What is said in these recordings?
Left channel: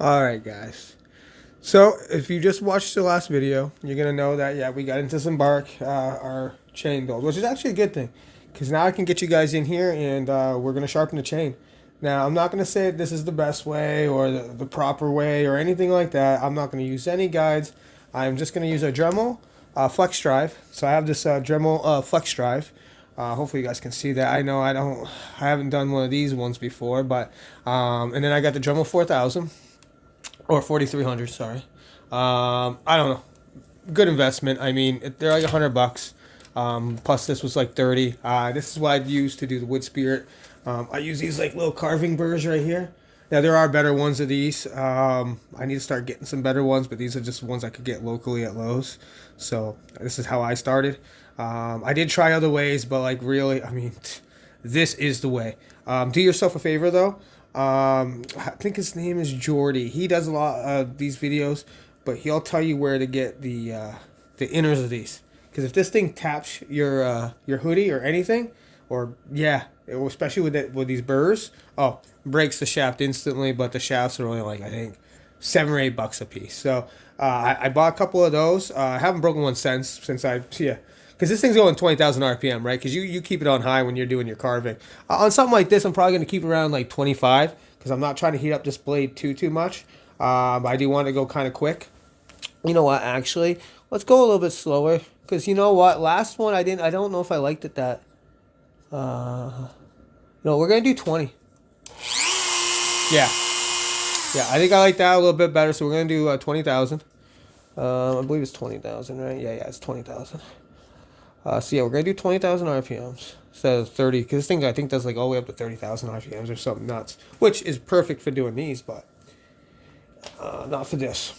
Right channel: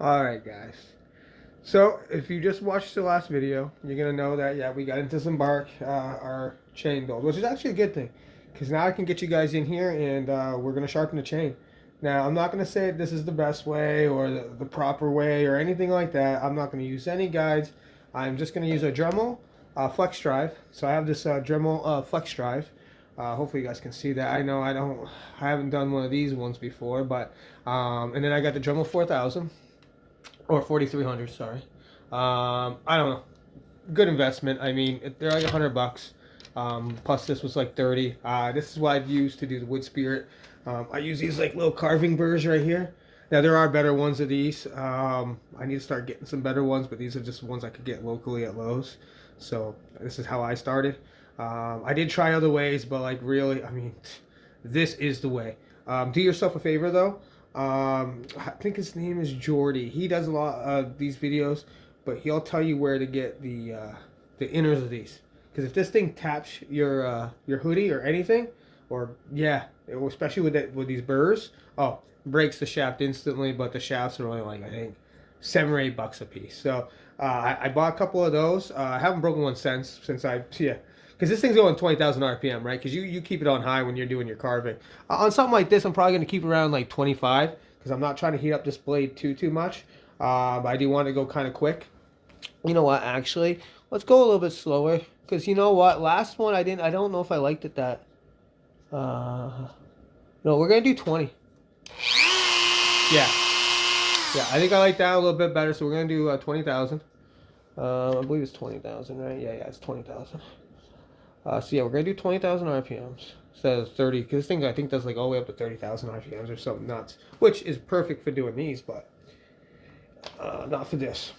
Alright guys, so if you just watched the last video, you're going to know that yeah, we got into some bark, our chain build, which is actually a good thing because now I can get you guys in here and we're going to sharpen the chain. Now I'm not going to say this is the best way or the proper way or anything like that. I'm not going to use any guides. I'm just going to use a Dremel flex drive. So I have this Dremel flex drive. Hopefully you guys can see that. I know I haven't done one of these ones before, but and then I got the Dremel 4000 or 4300. Sorry, I don't know. Good investment. I mean, they're like $100. Plus this was like 30. This is what I'd use to do the wood spirit. I use these like little carving burrs right here. Now there are better ones of these. I need to start getting some better ones, but these are just ones I could get locally at Lowe's. So this is how I started. I did try other ways, but like really, I mean, this is the way. Do yourself a favor though. I think his name is Jordy. He does a lot of these videos, but he'll tell you where to get the inners of these. Because if this thing taps your hoodie or anything, or yeah, especially with these burrs, oh, breaks the shaft instantly. But the shafts are only like I think $7 or $8 a piece. So I bought a couple of those. I haven't broken one since I yeah. Because this thing's going 20,000 RPM, right? Because you keep it on high when you're doing your carving. On something like this, I'm probably going to keep it around like 25 because I'm not trying to heat up this blade too much. But I do want to go kind of quick. You know what? Actually, let's go a little bit slower because you know what? Last one I didn't. I don't know if I liked it that. No, we're gonna do 20. Yeah, yeah. I think I like that a little bit better. So we're gonna do 20,000. I believe it's 20,000, right? Yeah, it's 20,000. So yeah, we're gonna do 20,000 RPMs instead of 30, because this thing I think does like all the way up to 30,000 RPMs or something nuts, which is perfect for doing these, but not for this.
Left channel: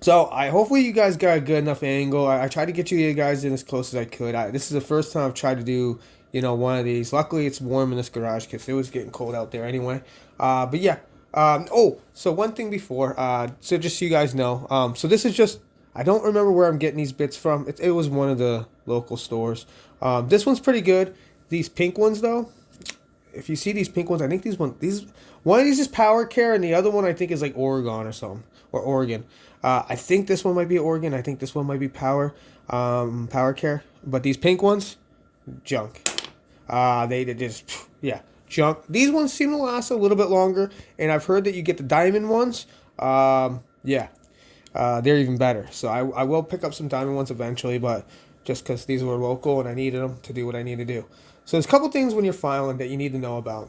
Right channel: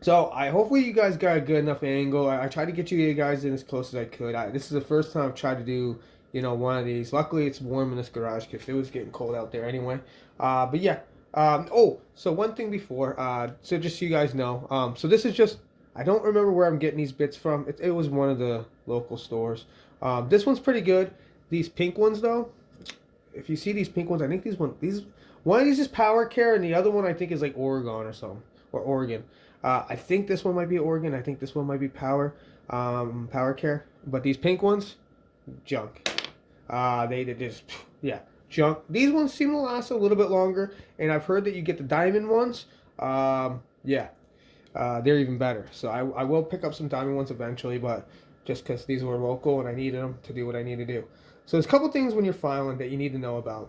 So hopefully you guys got a good enough angle. I tried to get you guys in as close as I could. This is the first time I've tried to do one of these. Luckily it's warm in this garage because it was getting cold out there anyway. But yeah. So one thing before, so just so you guys know, so this is just I don't remember where I'm getting these bits from. It was one of the local stores. This one's pretty good. These pink ones though, if you see these pink ones, I think one of these is Power Care and the other one I think is like Oregon or something, or Oregon. I think this one might be Oregon. I think this one might be Power Care. But these pink ones, junk. They just yeah, junk. These ones seem to last a little bit longer, and I've heard that you get the diamond ones. Yeah, they're even better. So I will pick up some diamond ones eventually, but just because these were local and I needed them to do what I need to do. So there's a couple things when you're filing that you need to know about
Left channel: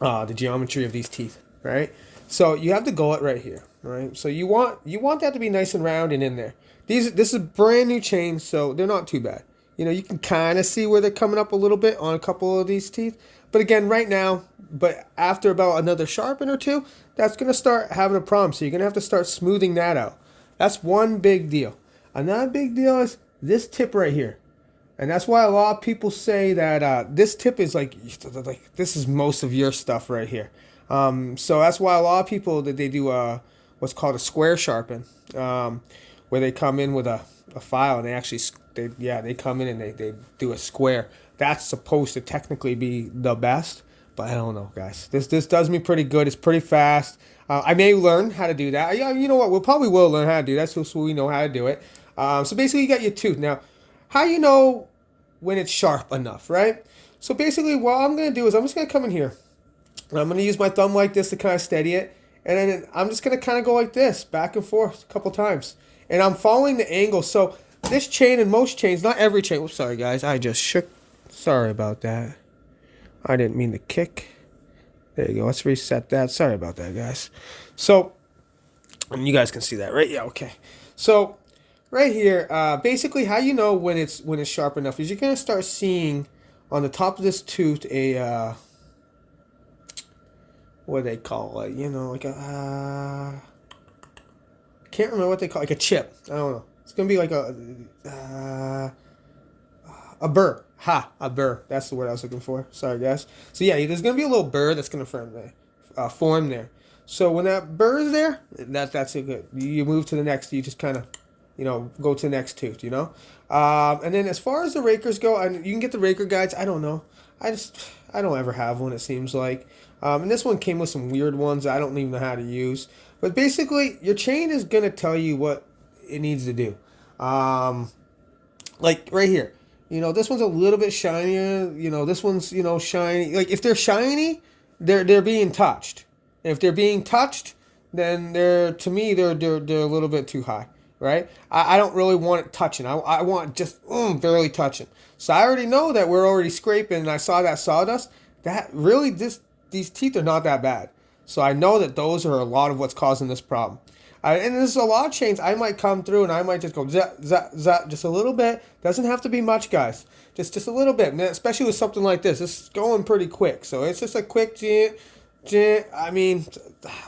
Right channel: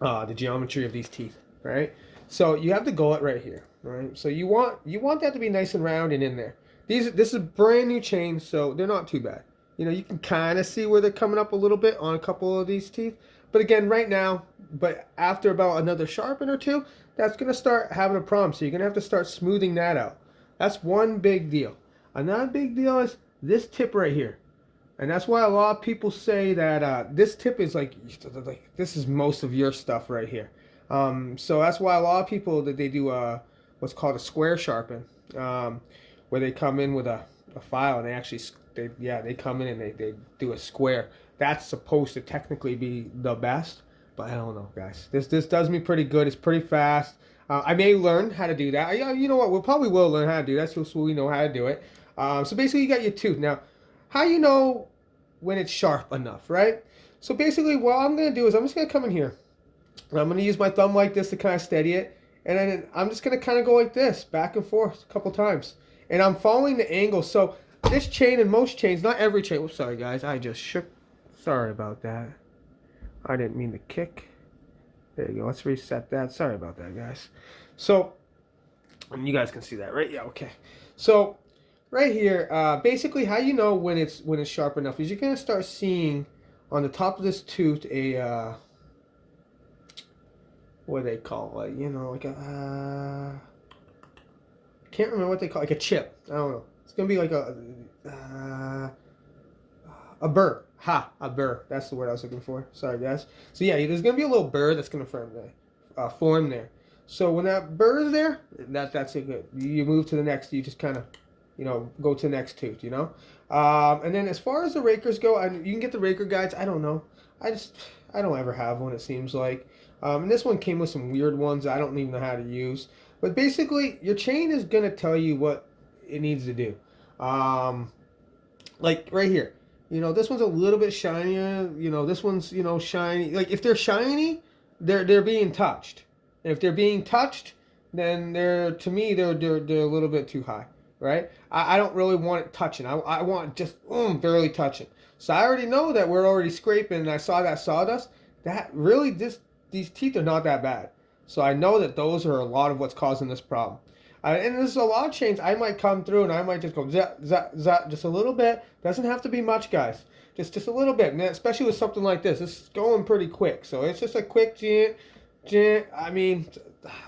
the geometry of these teeth, right? So you have the gullet right here, right? So you want that to be nice and round and in there. This is brand new chain, so they're not too bad. You can kind of see where they're coming up a little bit on a couple of these teeth. But again, right now, but after about another sharpen or two, that's going to start having a problem. So you're going to have to start smoothing that out. That's one big deal. Another big deal is this tip right here. And that's why a lot of people say that this tip is like this is most of your stuff right here. So that's why a lot of people that they do what's called a square sharpen, where they come in with a file and they come in and they do a square. That's supposed to technically be the best, but I don't know, guys. This does me pretty good. It's pretty fast. I may learn how to do that. Yeah, you know what? We'll learn how to do that, so we know how to do it. So basically, you got your tooth now. How you know when it's sharp enough, right? So basically, what I'm gonna do is I'm just gonna come in here. And I'm gonna use my thumb like this to kind of steady it, and then I'm just gonna kind of go like this, back and forth a couple times, and I'm following the angle. So this chain and most chains, not every chain. Oops, sorry guys, I just shook. Sorry about that. I didn't mean to kick. There you go. Let's reset that. Sorry about that, guys. So, and you guys can see that, right? Yeah, okay. So, right here, basically, how you know when it's sharp enough is you're gonna start seeing on the top of this tooth a what do they call it? Like a can't remember what they call it, like a chip. I don't know. It's gonna be like a burr. A burr. That's the word I was looking for. Sorry, guys. So yeah, there's gonna be a little burr that's gonna form there. So when that burr is there, that's a good. You move to the next. You just kind of, go to the next tooth. And then as far as the rakers go, you can get the raker guides. I don't know. I don't ever have one. It seems like. And this one came with some weird ones I don't even know how to use. But basically, your chain is going to tell you what it needs to do. Like right here. This one's a little bit shinier. This one's, shiny. Like if they're shiny, they're being touched. And if they're being touched, then to me they're a little bit too high, right? I don't really want it touching. I want just barely touching. So I already know that we're already scraping, and I saw that sawdust. That really these teeth are not that bad. So I know that those are a lot of what's causing this problem. And there's a lot of chains I might come through, and I might just go zap, zap, zap, just a little bit. Doesn't have to be much, guys. Just a little bit, especially with something like this. It's going pretty quick, so it's just a quick gent. I mean,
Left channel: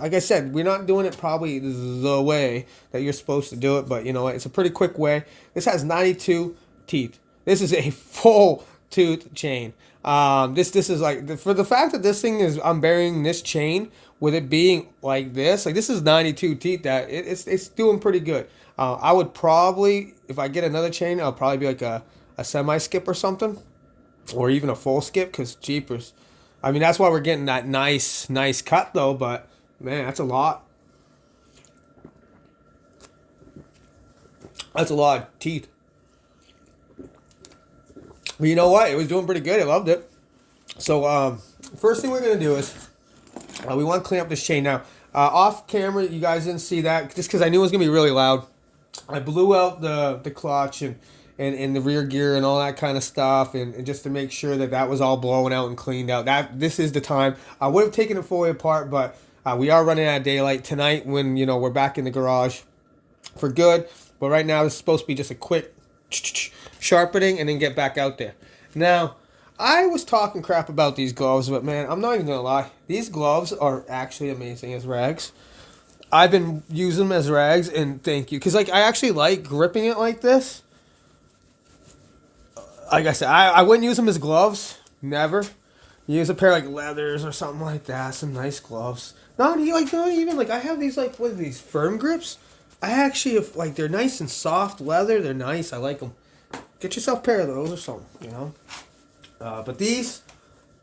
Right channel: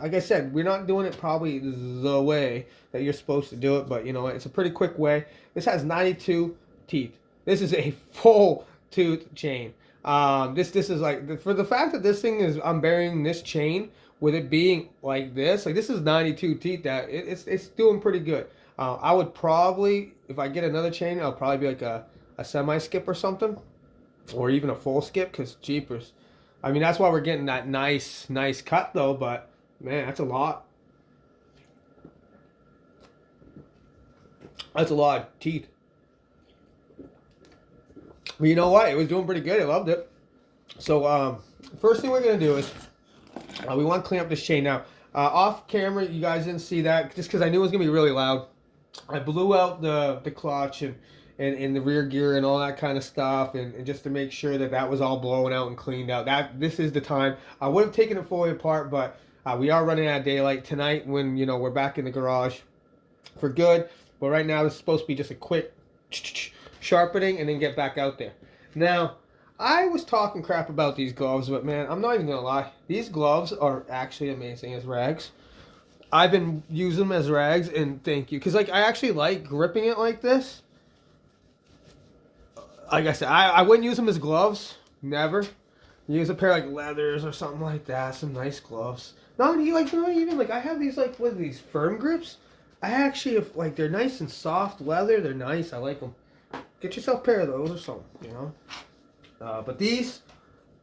like I said, we're not doing it probably the way that you're supposed to do it, but it's a pretty quick way. This has 92 teeth. This is a full tooth chain. This is like, for the fact that this thing is, I'm burying this chain with it being like this is 92 teeth. That it's doing pretty good. I would probably, if I get another chain, I'll probably be like a semi skip or something, or even a full skip, because jeepers. I mean, that's why we're getting that nice cut though, but man, that's a lot. That's a lot of teeth. But you know what? It was doing pretty good. I loved it. So, first thing we're going to do is we want to clean up this chain. Now, off camera, you guys didn't see that just because I knew it was going to be really loud. I blew out the clutch and the rear gear and all that kind of stuff, and just to make sure that was all blown out and cleaned out. This is the time. I would have taken it fully apart, but we are running out of daylight tonight when we're back in the garage for good. But right now, it's supposed to be just a quick sharpening and then get back out there. Now, I was talking crap about these gloves, but man, I'm not even gonna lie. These gloves are actually amazing as rags. I've been using them as rags, and thank you, because I actually like gripping it like this. Like I said, I wouldn't use them as gloves. Never. Use a pair of leathers or something like that. Some nice gloves. Not even I have these what are these, firm grips? I actually have, they're nice and soft leather. They're nice. I like them. Get yourself a pair of those or something, But these,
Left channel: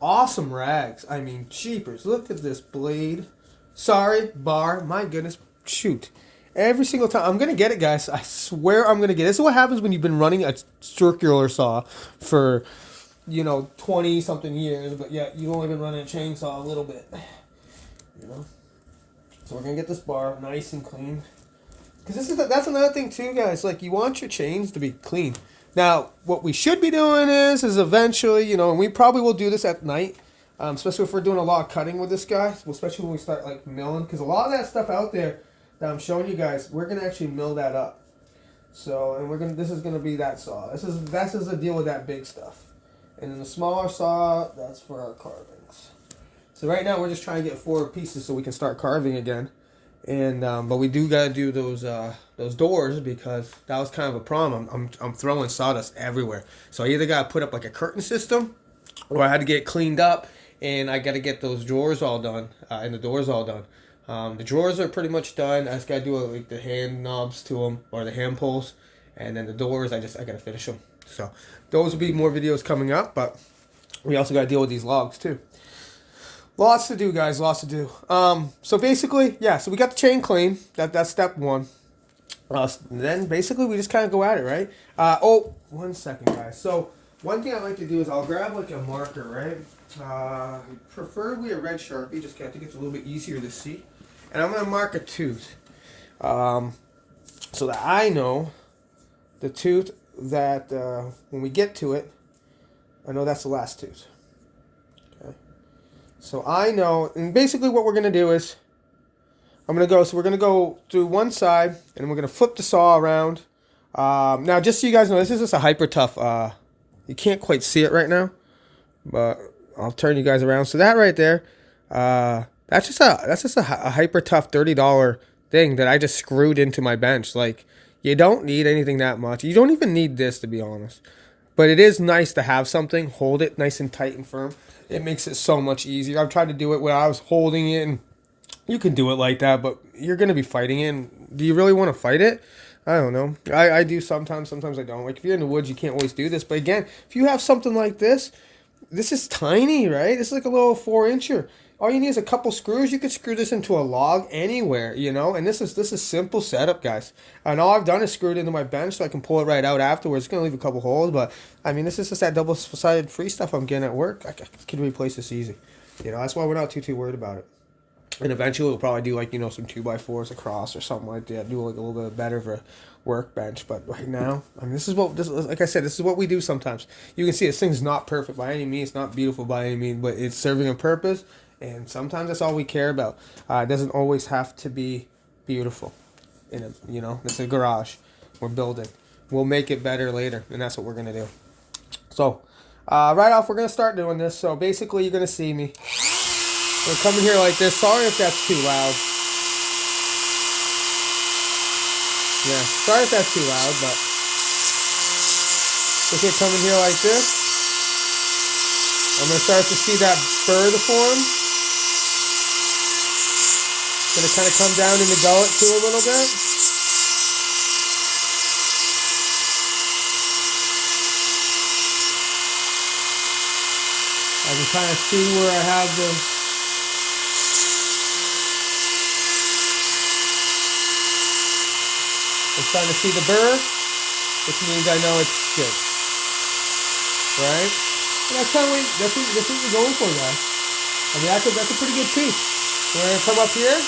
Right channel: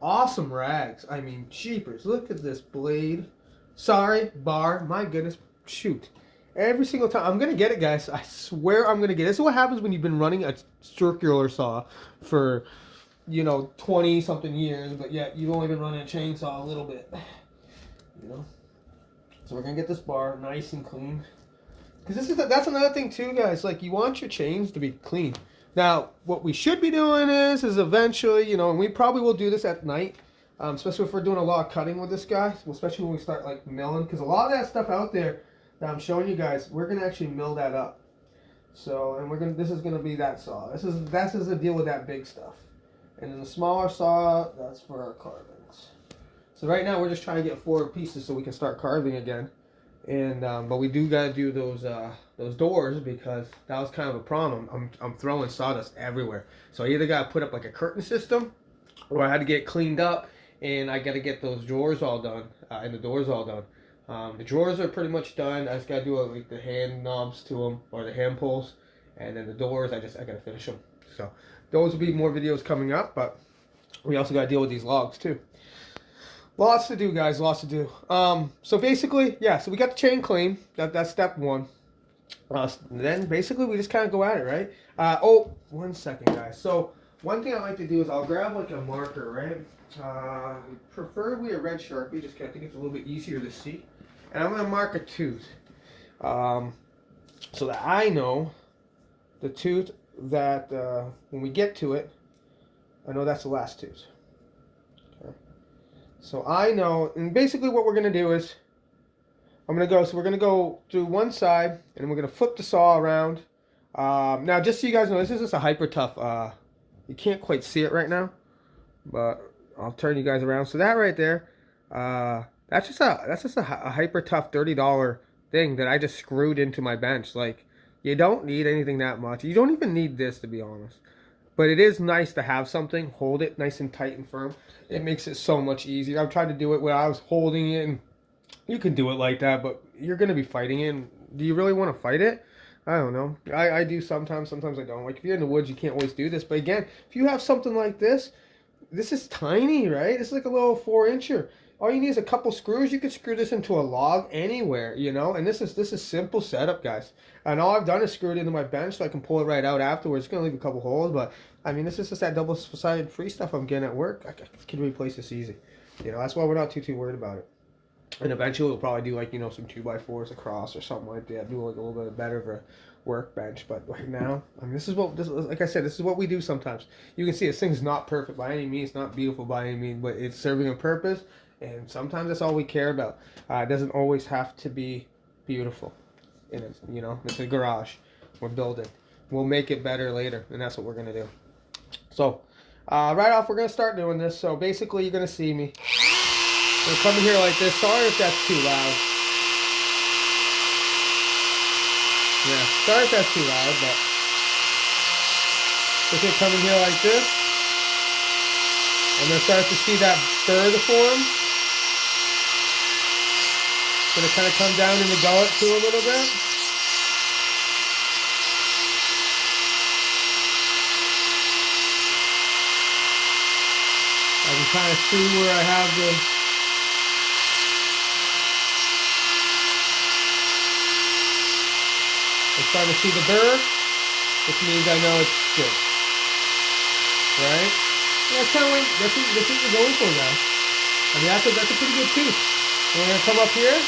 awesome rags. I mean, jeepers. Look at this blade. Sorry, bar. My goodness. Shoot. Every single time. I'm going to get it, guys. I swear I'm going to get it. This is what happens when you've been running a circular saw for, 20-something years. But yet, you've only been running a chainsaw a little bit. So we're going to get this bar nice and clean. Because that's another thing, too, guys. You want your chains to be clean. Now, what we should be doing is eventually, and we probably will do this at night, especially if we're doing a lot of cutting with this guy, especially when we start milling, because a lot of that stuff out there that I'm showing you guys, we're gonna actually mill that up. So, and this is gonna be that saw. This is the deal with that big stuff, and then the smaller saw, that's for our carvings. So right now we're just trying to get 4 pieces so we can start carving again. And but we do gotta do those doors, because that was kind of a problem. I'm throwing sawdust everywhere, so I either gotta put up a curtain system, or I had to get cleaned up, and I gotta get those drawers all done and the doors all done. The drawers are pretty much done. I just gotta do the hand knobs to them, or the hand pulls, and then the doors I gotta finish them. So those will be more videos coming up, but we also gotta deal with these logs too. Lots to do, guys. Lots to do. So basically, yeah. So we got the chain clean. That's step 1. Then basically we just kind of go at it, right? Oh, 1 second, guys. So one thing I like to do is I'll grab a marker, right? Preferably a red Sharpie, just 'cause I think it's a little bit easier to see. And I'm gonna mark a tooth, so that I know the tooth that when we get to it, I know that's the last tooth. So I know, and basically what we're going to do is, we're going to go through one side, and we're going to flip the saw around. Now, just so you guys know, this is just a hyper tough, you can't quite see it right now, but I'll turn you guys around. So that right there, that's just a hyper tough $30 thing that I just screwed into my bench. You don't need anything that much. You don't even need this, to be honest. But it is nice to have something, hold it nice and tight and firm. It makes it so much easier. I've tried to do it where I was holding it, and you can do it like that, but you're going to be fighting it. And do you really want to fight it? I don't know. I do sometimes I don't. If you're in the woods, you can't always do this. But again, if you have something like this is tiny, right? It's like a little 4-incher. all you need is a couple screws. You could screw this into a log anywhere, you know. And this is simple setup, guys. And all I've done is screw it into my bench so I can pull it right out afterwards. It's gonna leave a couple holes, but I mean, this is just that double-sided free stuff I'm getting at work. I can replace this easy, you know. That's why we're not too worried about it. And eventually we'll probably do like, you know, some 2x4s across or something like that. Do like a little bit better of a workbench. But right now, I mean, like I said, this is what we do sometimes. You can see this thing's not perfect by any means, not beautiful by any means, but it's serving a purpose. And sometimes that's all we care about. It doesn't always have to be beautiful. You know, it's a garage. We're building. We'll make it better later, and that's what we're gonna do. So, right off, we're gonna start doing this. So basically, you're gonna see me. We'll come in here like this. Sorry if that's too loud. Yeah, sorry if that's too loud, but just gonna come in here like this. I'm gonna start to see that bird form. Gonna kind of come down in the gullet too a little bit. I can kind of see where I have the I'm starting to see the burr, which means I know it's good. Right? And that's kind of that's what you're going for, guys. I mean, that's a pretty good piece. We're gonna come up here.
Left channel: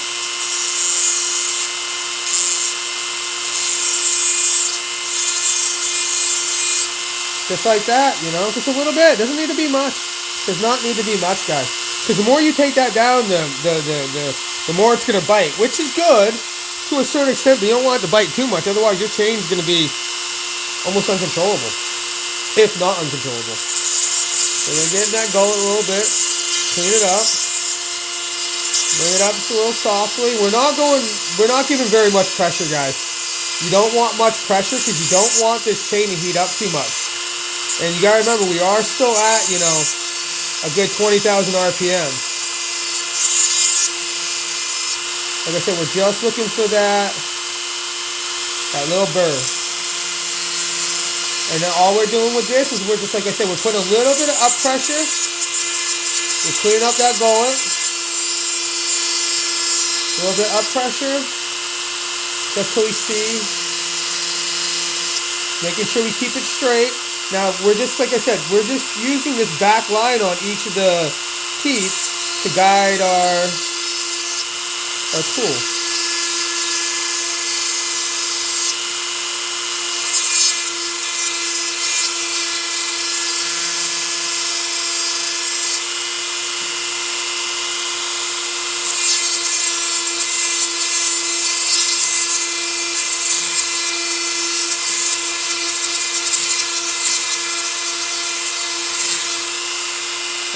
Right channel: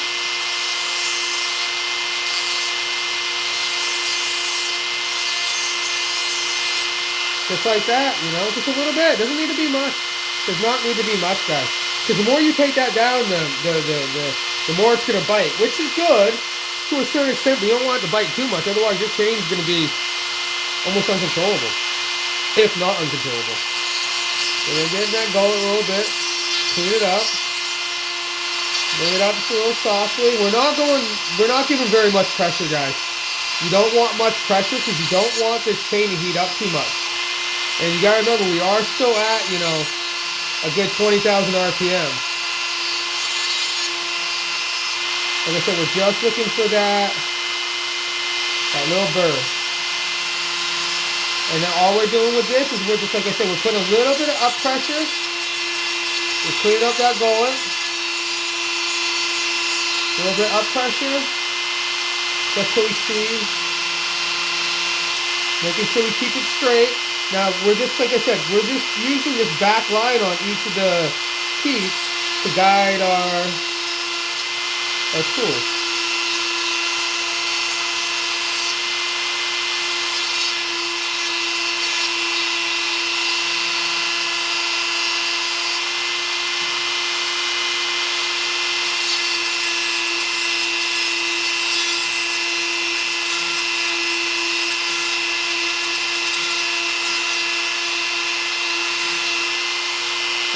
Just like that, you know, just a little bit. Doesn't need to be much. Does not need to be much, guys. Because the more you take that down, the more it's gonna bite, which is good. To a certain extent, but you don't want it to bite too much, otherwise your chain is going to be almost uncontrollable, if not uncontrollable. So we're going to get in that gullet a little bit, clean it up, bring it up just a little softly. We're not giving very much pressure, guys. You don't want much pressure because you don't want this chain to heat up too much. And you got to remember, we are still at, you know, a good 20,000 RPM. Like I said, we're just looking for that little burr. And then all we're doing with this is we're just, like I said, we're putting a little bit of up pressure. We're cleaning up that gullet. A little bit up pressure. Just till we see. Making sure we keep it straight. Now, we're just, like I said, we're just using this back line on each of the teeth to guide our tool.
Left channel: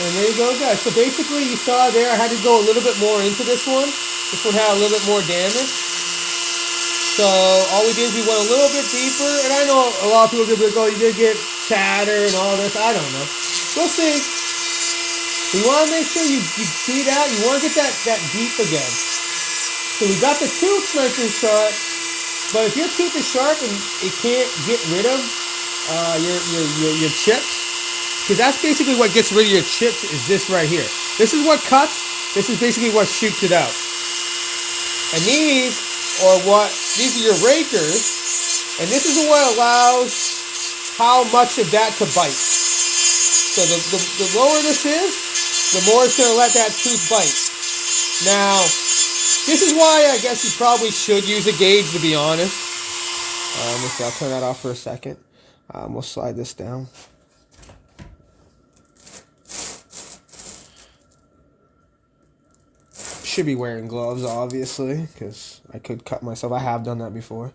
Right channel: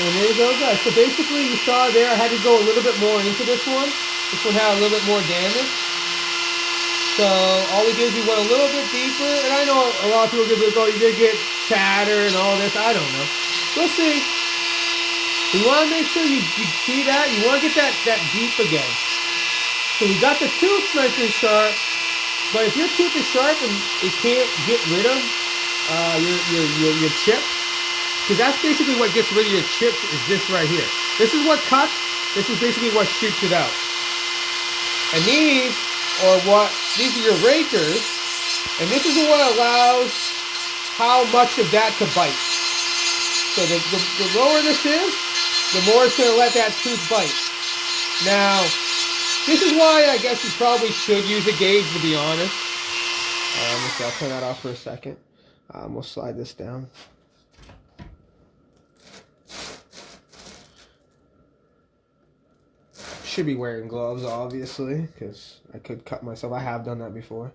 And there you go, guys. So basically, you saw there, I had to go a little bit more into this one. This one had a little bit more damage. So all we did is we went a little bit deeper. And I know a lot of people are going to be like, oh, you did get chatter and all this. I don't know. We'll see. You want to make sure you see that. You want to get that deep again. So we got the tooth nice and sharp. But if your tooth is sharp and it can't get rid of your chips, because that's basically what gets rid of your chips is this right here. This is what cuts. This is basically what shoots it out. And these are your rakers, and this is what allows how much of that to bite. So the lower this is, the more it's going to let that tooth bite. Now, this is why I guess you probably should use a gauge, to be honest. Let's see, I'll turn that off for a second. We'll slide this down. Should be wearing gloves, obviously, because I could cut myself. I have done that before.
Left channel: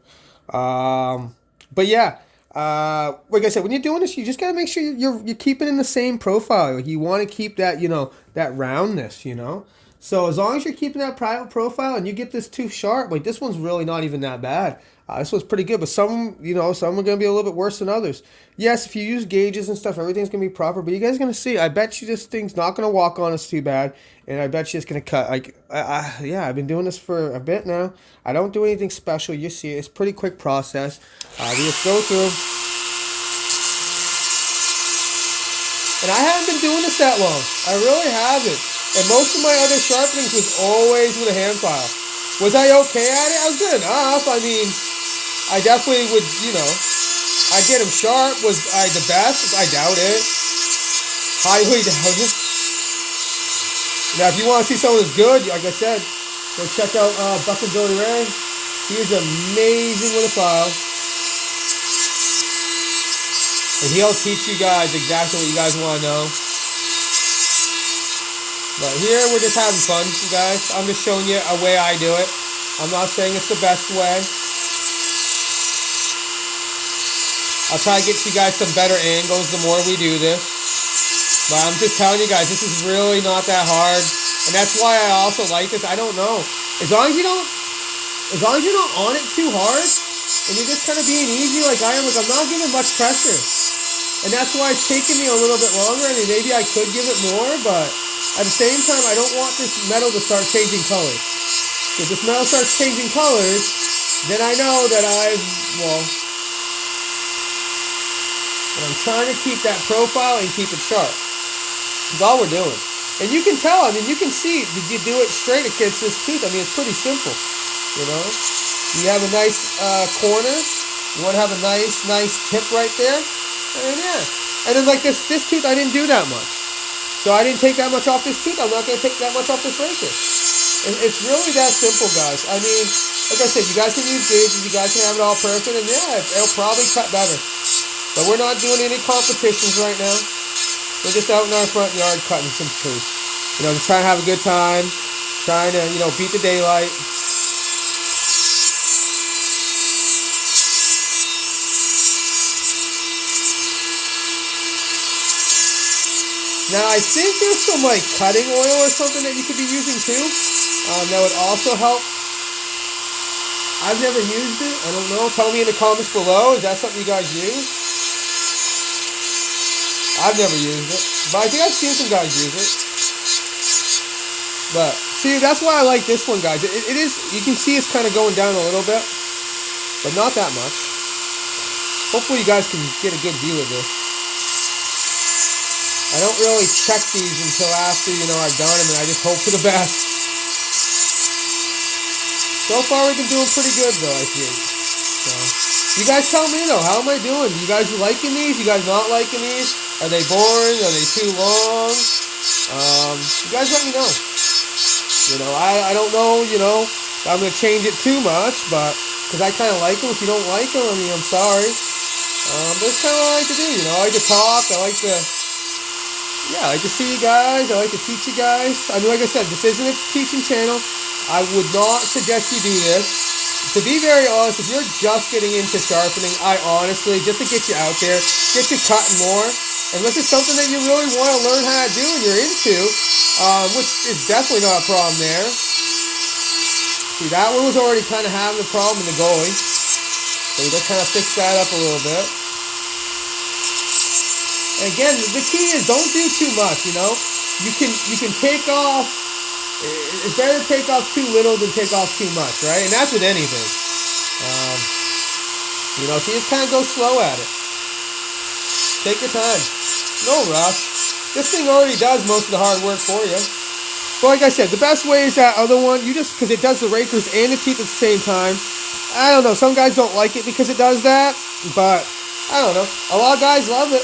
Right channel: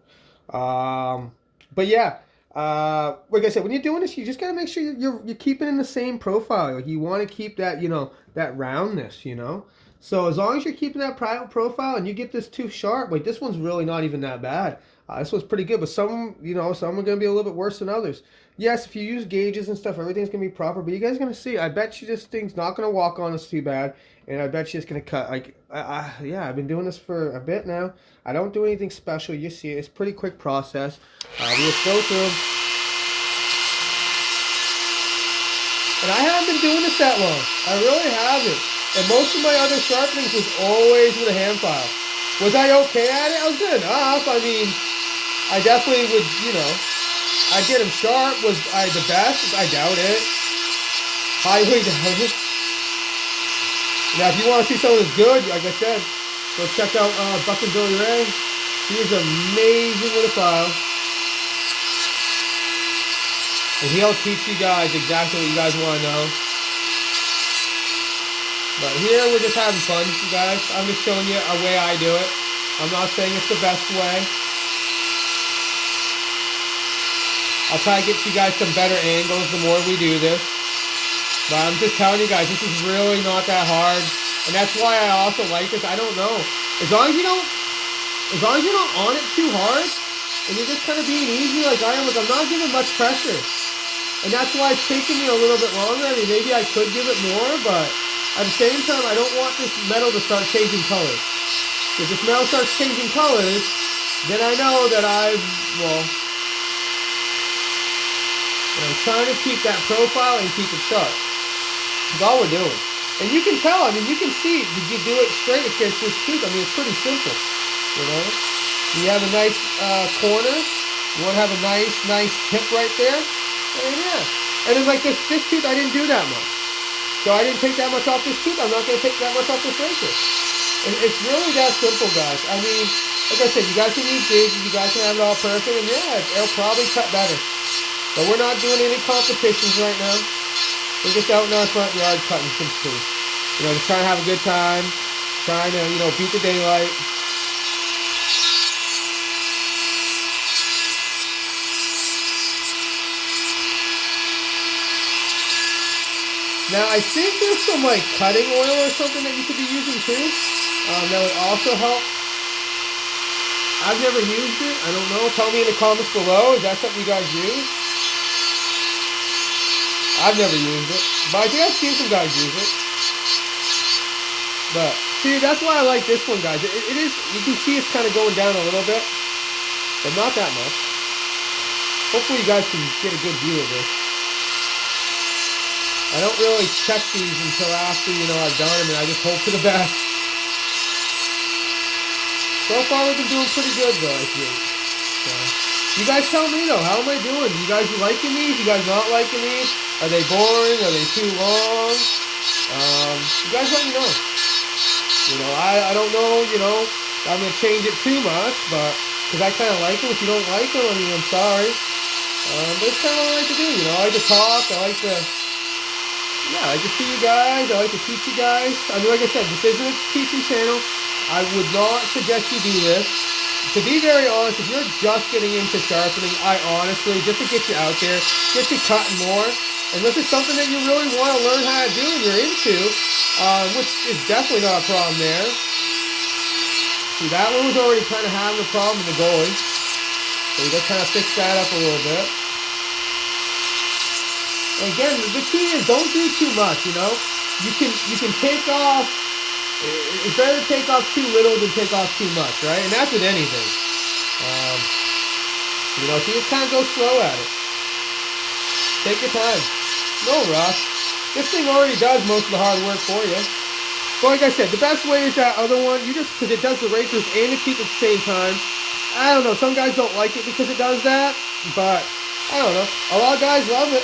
But yeah, like I said, when you're doing this, you just gotta make sure you're keeping in the same profile. Like you want to keep that, you know, that roundness, you know. So as long as you're keeping that profile and you get this tooth sharp, like this one's really not even that bad. This one's pretty good, but some are going to be a little bit worse than others. Yes, if you use gauges and stuff, everything's going to be proper, but you guys are going to see. I bet you this thing's not going to walk on us too bad, and I bet you it's going to cut. Like, yeah, I've been doing this for a bit now. I don't do anything special. You see it. It's a pretty quick process. We just go through. And I haven't been doing this that long. I really haven't. And most of my other sharpenings was always with a hand file. Was I okay at it? I was good enough. I mean, I definitely would, I'd get them sharp. Was I the best? I doubt it. Highly doubt it. Now, if you want to see someone who's good, like I said, go check out Buck and Billy Ray. He is amazing with a file. And he'll teach you guys exactly what you guys want to know. But here we're just having fun, you guys. I'm just showing you a way I do it. I'm not saying it's the best way. I'll try to get you guys some better angles the more we do this. But I'm just telling you guys, this is really not that hard. And that's why I also like this. I don't know. As long as you're not on it too hard, and you're just kind of being easy like I am, like I'm not giving much pressure. And that's why it's taking me a little bit longer. I mean, maybe I could give it more, but at the same time, I don't want this metal to start changing colors. If this metal starts changing colors, then I know that I'm trying to keep that profile and keep it sharp. That's all we're doing. And you can tell, I mean, you can see, did you do it straight against this tooth? I mean, it's pretty simple, You have a nice corner. You want to have a nice tip right there. And yeah. And then like this tooth, I didn't do that much. So I didn't take that much off this tooth. I'm not going to take that much off this razor. It's really that simple, guys. I mean, like I said, you guys can use gauges. You guys can have it all perfect. And yeah, it'll probably cut better. But we're not doing any competitions right now. We're just out in our front yard cutting some teeth. Just trying to have a good time. Trying to, beat the daylight. Now, I think there's some, cutting oil or something that you could be using, too. That would also help. I've never used it. I don't know. Tell me in the comments below. Is that something you guys use? I've never used it. But I think I've seen some guys use it. But, see, that's why I like this one, guys. It is, you can see it's kind of going down a little bit. But not that much. Hopefully you guys can get a good view of this. I don't really check these until after, I've done them, and I just hope for the best. So far, we've been doing pretty good, though, I think. So, you guys tell me, though, how am I doing? You guys liking these? You guys not liking these? Are they boring? Are they too long? You guys let me know. I don't know, I'm going to change it too much, but, because I kind of like them. If you don't like them, I mean, I'm sorry. But it's kind of what I like to do, I like to talk, I like to... Yeah, I like to see you guys. I like to teach you guys. I mean, like I said, this isn't a teaching channel. I would not suggest you do this. To be very honest, if you're just getting into sharpening, I honestly, just to get you out there, get you cutting more, and this is something that you really want to learn how to do and you're into, which is definitely not a problem there. See, that one was already kind of having a problem in the goalie. So you got to kind of fix that up a little bit. And again, the key is don't do too much, You can take off, it's better to take off too little than take off too much, right? And that's with anything. So you just kind of go slow at it. Take your time. No rush. This thing already does most of the hard work for you. But like I said, the best way is that other one, because it does the razors and the teeth at the same time. I don't know, some guys don't like it because it does that, but I don't know. A lot of guys love it.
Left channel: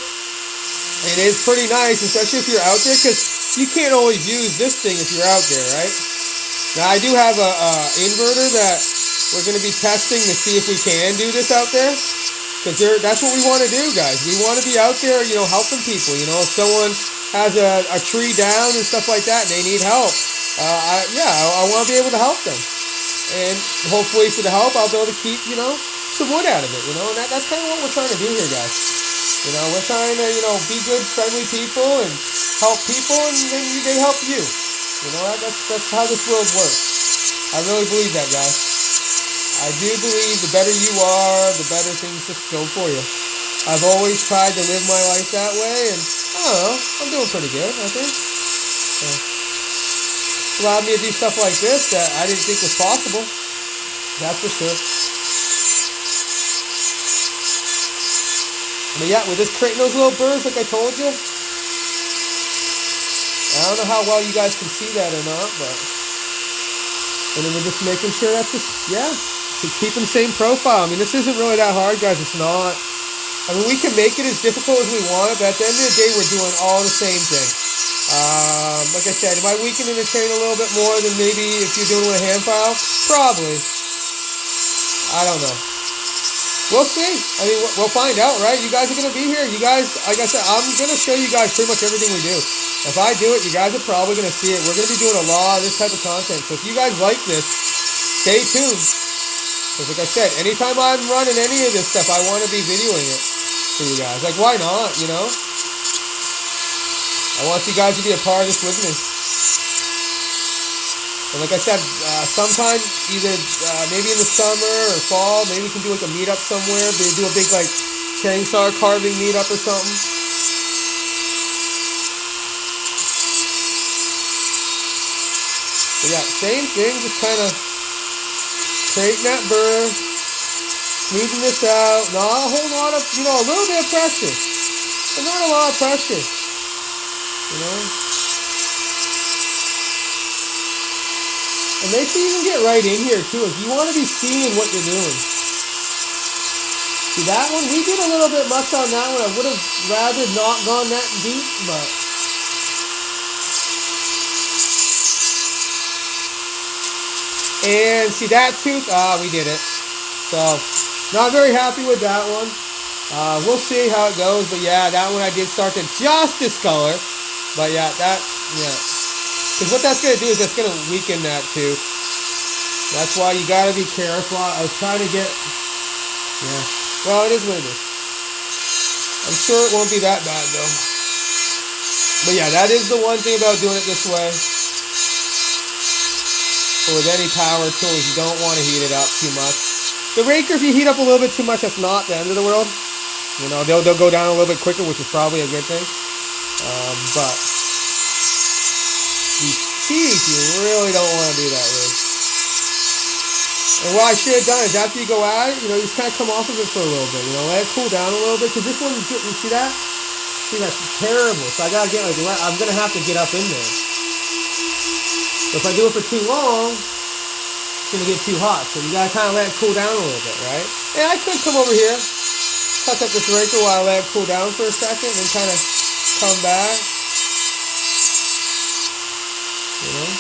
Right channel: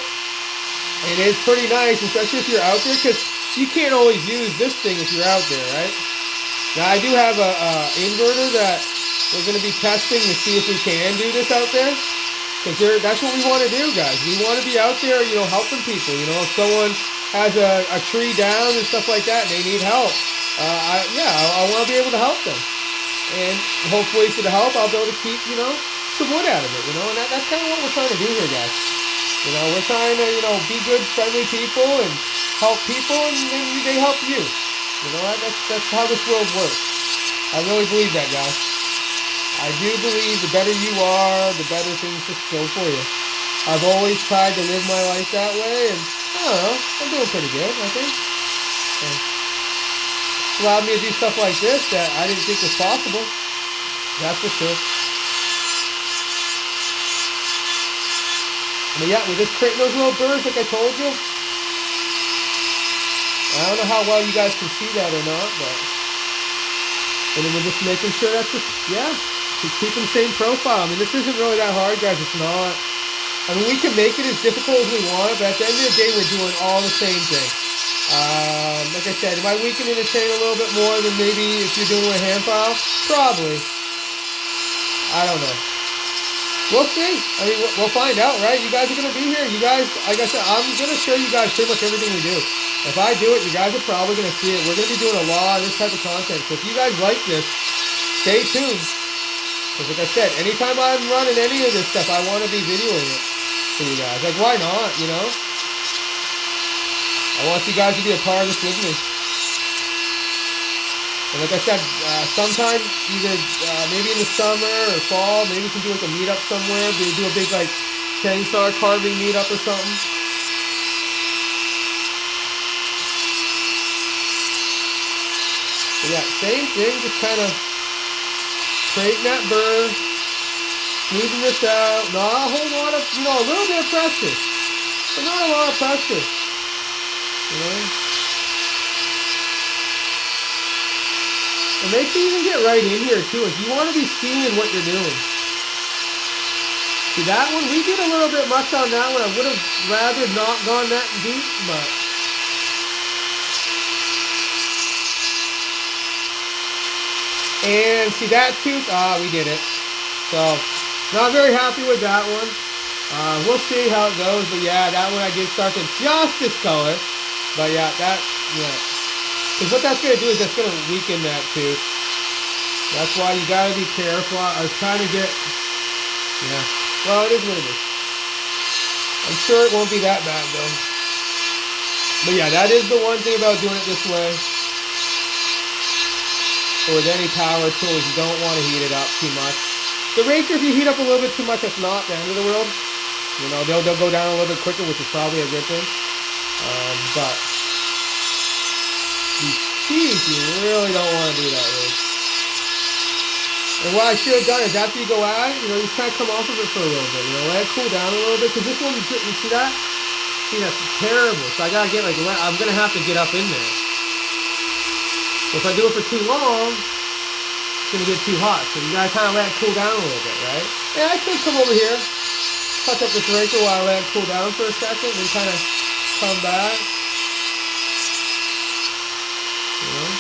And it's pretty nice, especially if you're out there, because you can't always use this thing if you're out there, right? Now, I do have a inverter that we're going to be testing to see if we can do this out there. Because that's what we want to do, guys. We want to be out there, helping people. If someone has a tree down and stuff like that and they need help, I want to be able to help them. And hopefully for the help, I'll be able to keep, some wood out of it, and that's kind of what we're trying to do here, guys. We're trying to, be good, friendly people and help people, and then they help you. That's how this world works. I really believe that, guys. I do believe the better you are, the better things just go for you. I've always tried to live my life that way, and I don't know, I'm doing pretty good, I think. So, it's allowed me to do stuff like this that I didn't think was possible. That's for sure. But yeah, we're just creating those little burrs like I told you. I don't know how well you guys can see that or not, but. And then we're just making sure that's just, yeah, to keep the same profile. I mean, this isn't really that hard, guys. It's not. I mean, we can make it as difficult as we want, but at the end of the day, we're doing all the same thing. Like I said, am I weakening the chain a little bit more than maybe if you're doing it with a hand file? Probably. I don't know. We'll see. I mean, we'll find out, right? You guys are going to be here. You guys, like I said, I'm going to show you guys pretty much everything we do. If I do it, you guys are probably going to see it. We're going to be doing a lot of this type of content. So if you guys like this, stay tuned. Because like I said, anytime I'm running any of this stuff, I want to be videoing it for you guys. Like, why not, you know? I want you guys to be a part of this with me. And like I said, sometime either maybe in the summer or fall, maybe we can do like a meetup somewhere. Maybe do a big like chainsaw carving meetup or something. But yeah, same thing, just kind of creating that burr, smoothing this out. Not a whole lot of, you know, a little bit of pressure, but not a lot of pressure, you know. And make sure you can get right in here too. If you want to be seeing what you're doing. See that one? We did a little bit much on that one. I would have rather not gone that deep, but. And see that tooth? We did it. So, not very happy with that one. We'll see how it goes. But yeah, that one I did start to just discolor. But yeah, because what that's going to do is that's going to weaken that tooth. That's why you got to be careful. I was trying to get, yeah. Well, it is what it is. I'm sure it won't be that bad though. But yeah, that is the one thing about doing it this way. Or with any power tools, you don't want to heat it up too much. The raker, if you heat up a little bit too much, that's not the end of the world. You know, they'll go down a little bit quicker, which is probably a good thing. But these teeth, you really don't want to do that with. And what I should have done is after you go at it, you know, you just kind of come off of it for a little bit. You know, let it cool down a little bit. Because this one, you see that? See, that's terrible. So I got to get like, I'm going to have to get up in there. If I do it for too long, it's going to get too hot. So you got to kind of let it cool down a little bit, right? And I could come over here, touch up this raker while I let it cool down for a second, and kind of come back. You know?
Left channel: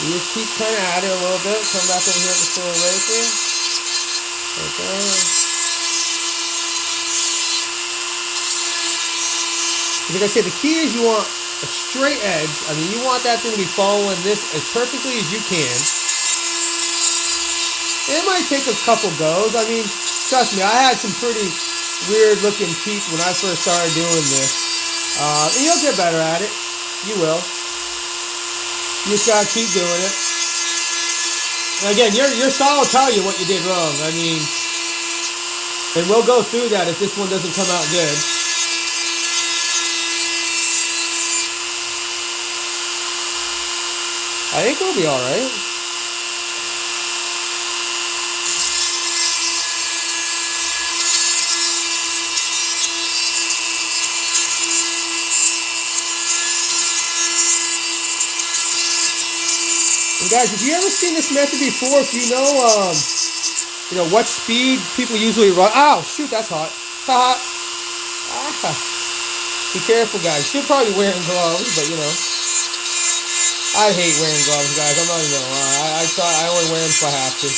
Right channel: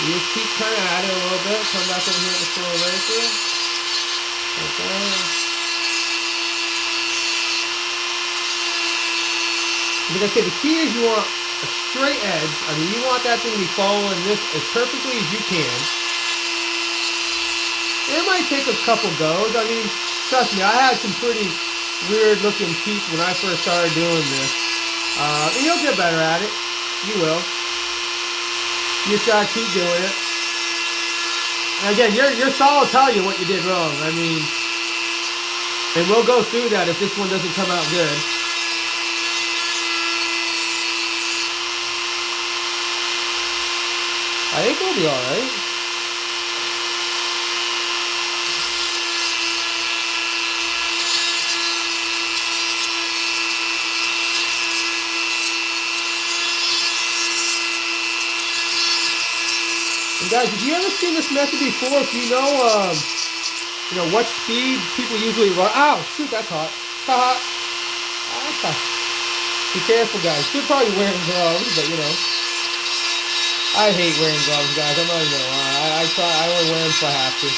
You just keep kind of at it a little bit. Come back in here with this little raker. Okay. Like I said, the key is you want a straight edge. I mean, you want that thing to be following this as perfectly as you can. It might take a couple goes. I mean, trust me, I had some pretty weird looking teeth when I first started doing this. And you'll get better at it. You will. You just gotta keep doing it. And again, your saw will tell you what you did wrong. I mean, and we'll go through that if this one doesn't come out good. I think we'll be alright. And guys, if you ever seen this method before, if you know what speed people usually run. Ow, shoot, that's hot. Haha. Be careful, guys. You're probably wearing gloves, but you know. I hate wearing gloves, guys. I'm not even gonna lie. I only wear them if I have to.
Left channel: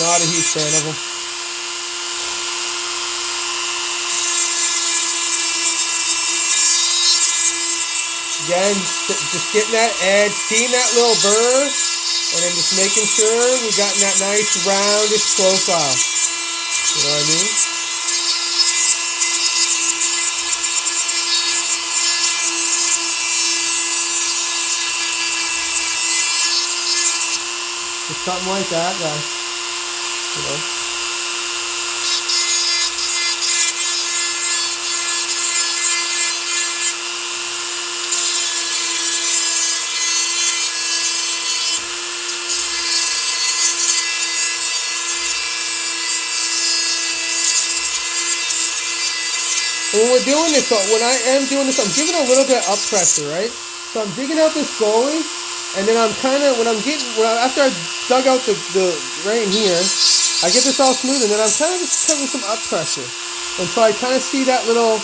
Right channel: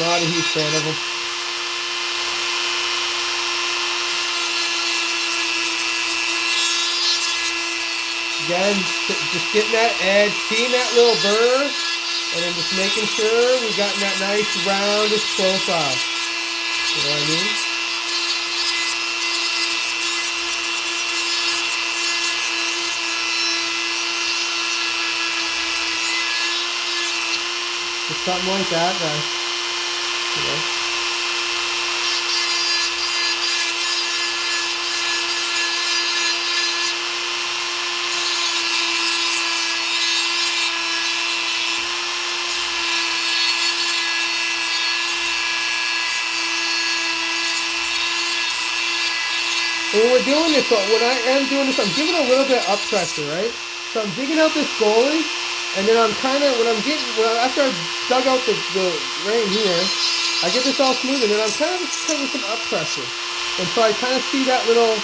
Not a huge fan of them. Again, just getting that edge, seeing that little burr, and then just making sure we've gotten that nice roundish profile. You know what I mean? Just something like that, guys. You know. And when we're doing this, so when I am doing this, I'm giving a little bit of up pressure, right? So I'm digging out this goalie, and then I'm kind of, after I dug out the right here, I get this all smooth, and then I'm kind of just putting some up pressure. And so I kind of see that little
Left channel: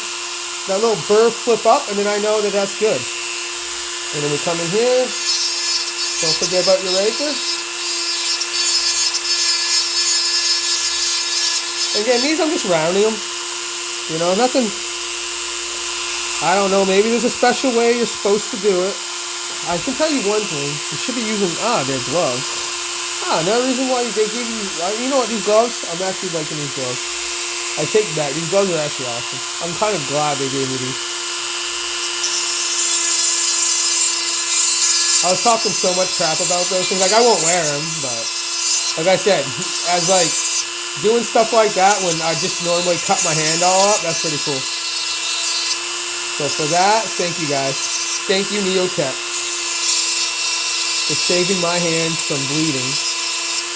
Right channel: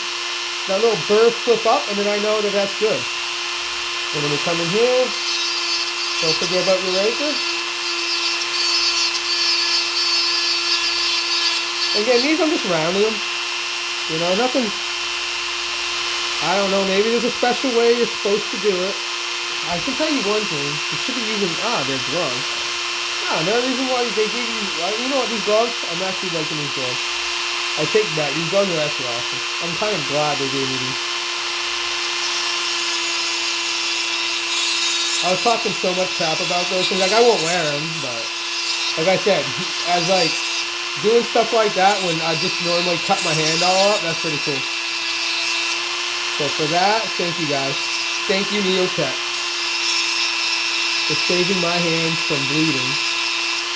burr flip up, and then I know that that's good. And then we come in here. Don't forget about your raker. Again, these I'm just rounding them. You know, nothing. I don't know. Maybe there's a special way you're supposed to do it. I can tell you one thing. You should be using their gloves. Another reason why they give you. You know what? These gloves. I'm actually liking these gloves. I take that. These gloves are actually awesome. I'm kind of glad they gave me these. I was talking so much crap about those things. Like, I won't wear them, but like I said, as like doing stuff like that when I just normally cut my hand all up, that's pretty cool. So for that, thank you guys. Thank you, Neotech, for saving my hands from bleeding.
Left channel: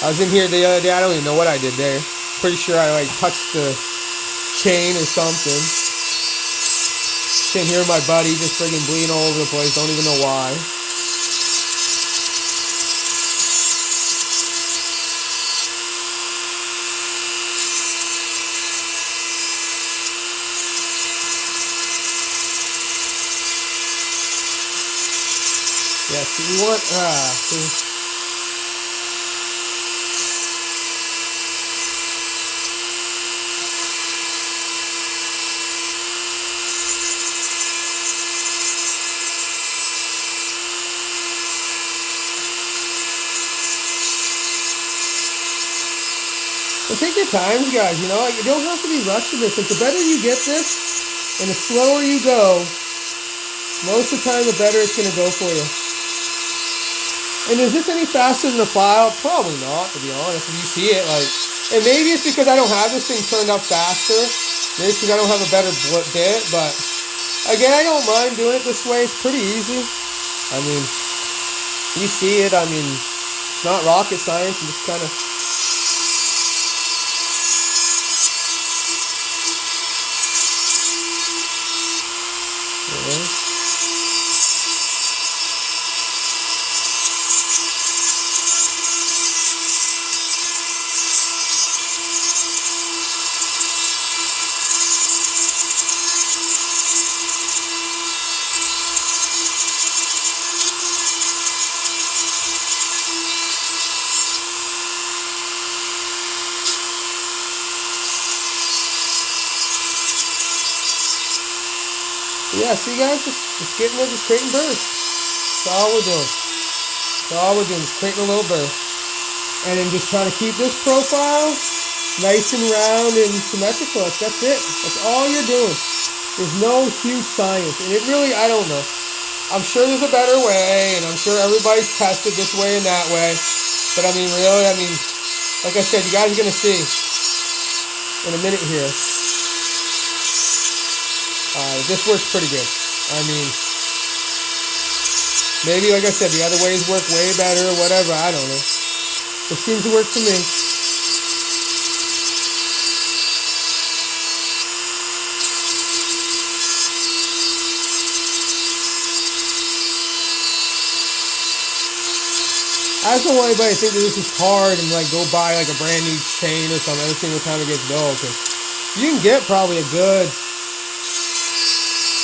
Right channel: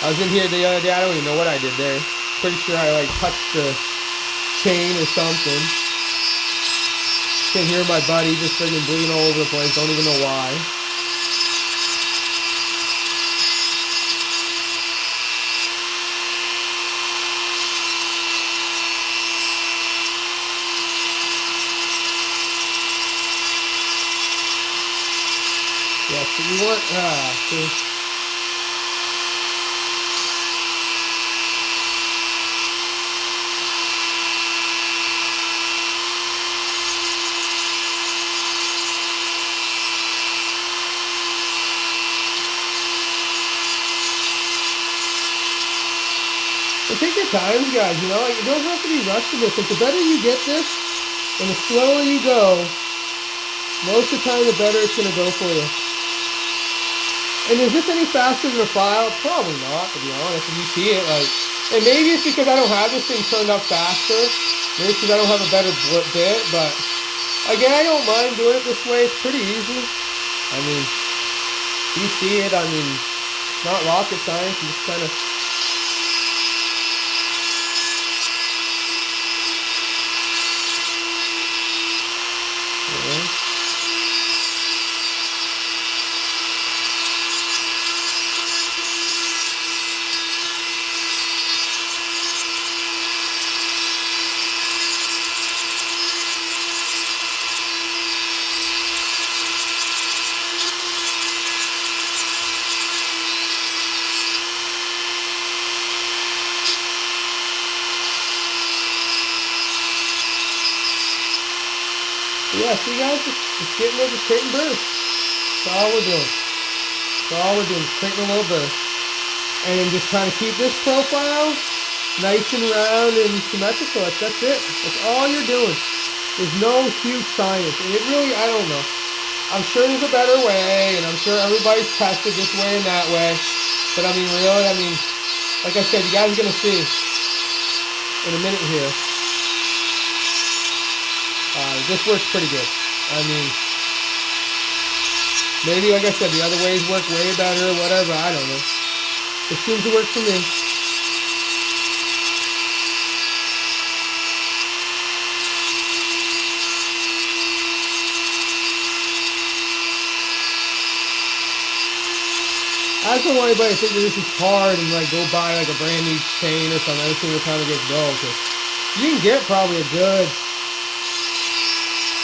I was in here the other day. I don't even know what I did there. Pretty sure I like touched the chain or something. Can hear my buddy just friggin' bleeding all over the place. Don't even know why. Yeah, so you want, see. So take your time, guys, you know, you don't have to be rushed to this. Like, the better you get this, and the slower you go, most of the time the better it's going to go for you. And is this any faster than a file? Probably not, to be honest. If you see it, like, and maybe it's because I don't have this thing turned up faster. Maybe it's because I don't have a better bit, but again, I don't mind doing it this way. It's pretty easy. I mean, you see it. I mean, it's not rocket science. You just kind of. Yeah. Yeah, see guys, just getting there, just creating bursts. That's all we're doing. That's all we're doing, just creating a little burst. And then just trying to keep this profile nice and round and symmetrical. That's it. That's all you're doing. There's no huge science. And it really, I don't know. I'm sure there's a better way, and I'm sure everybody's tested this way and that way. But I mean, really, like I said, you guys are going to see in a minute here. This works pretty good. I mean, maybe, like I said, the other ways work way better or whatever. I don't know. It seems to work for me. I just don't want anybody to think that this is hard and like go buy like a brand new chain or something every single time it gets dull. Cause you can get probably a good.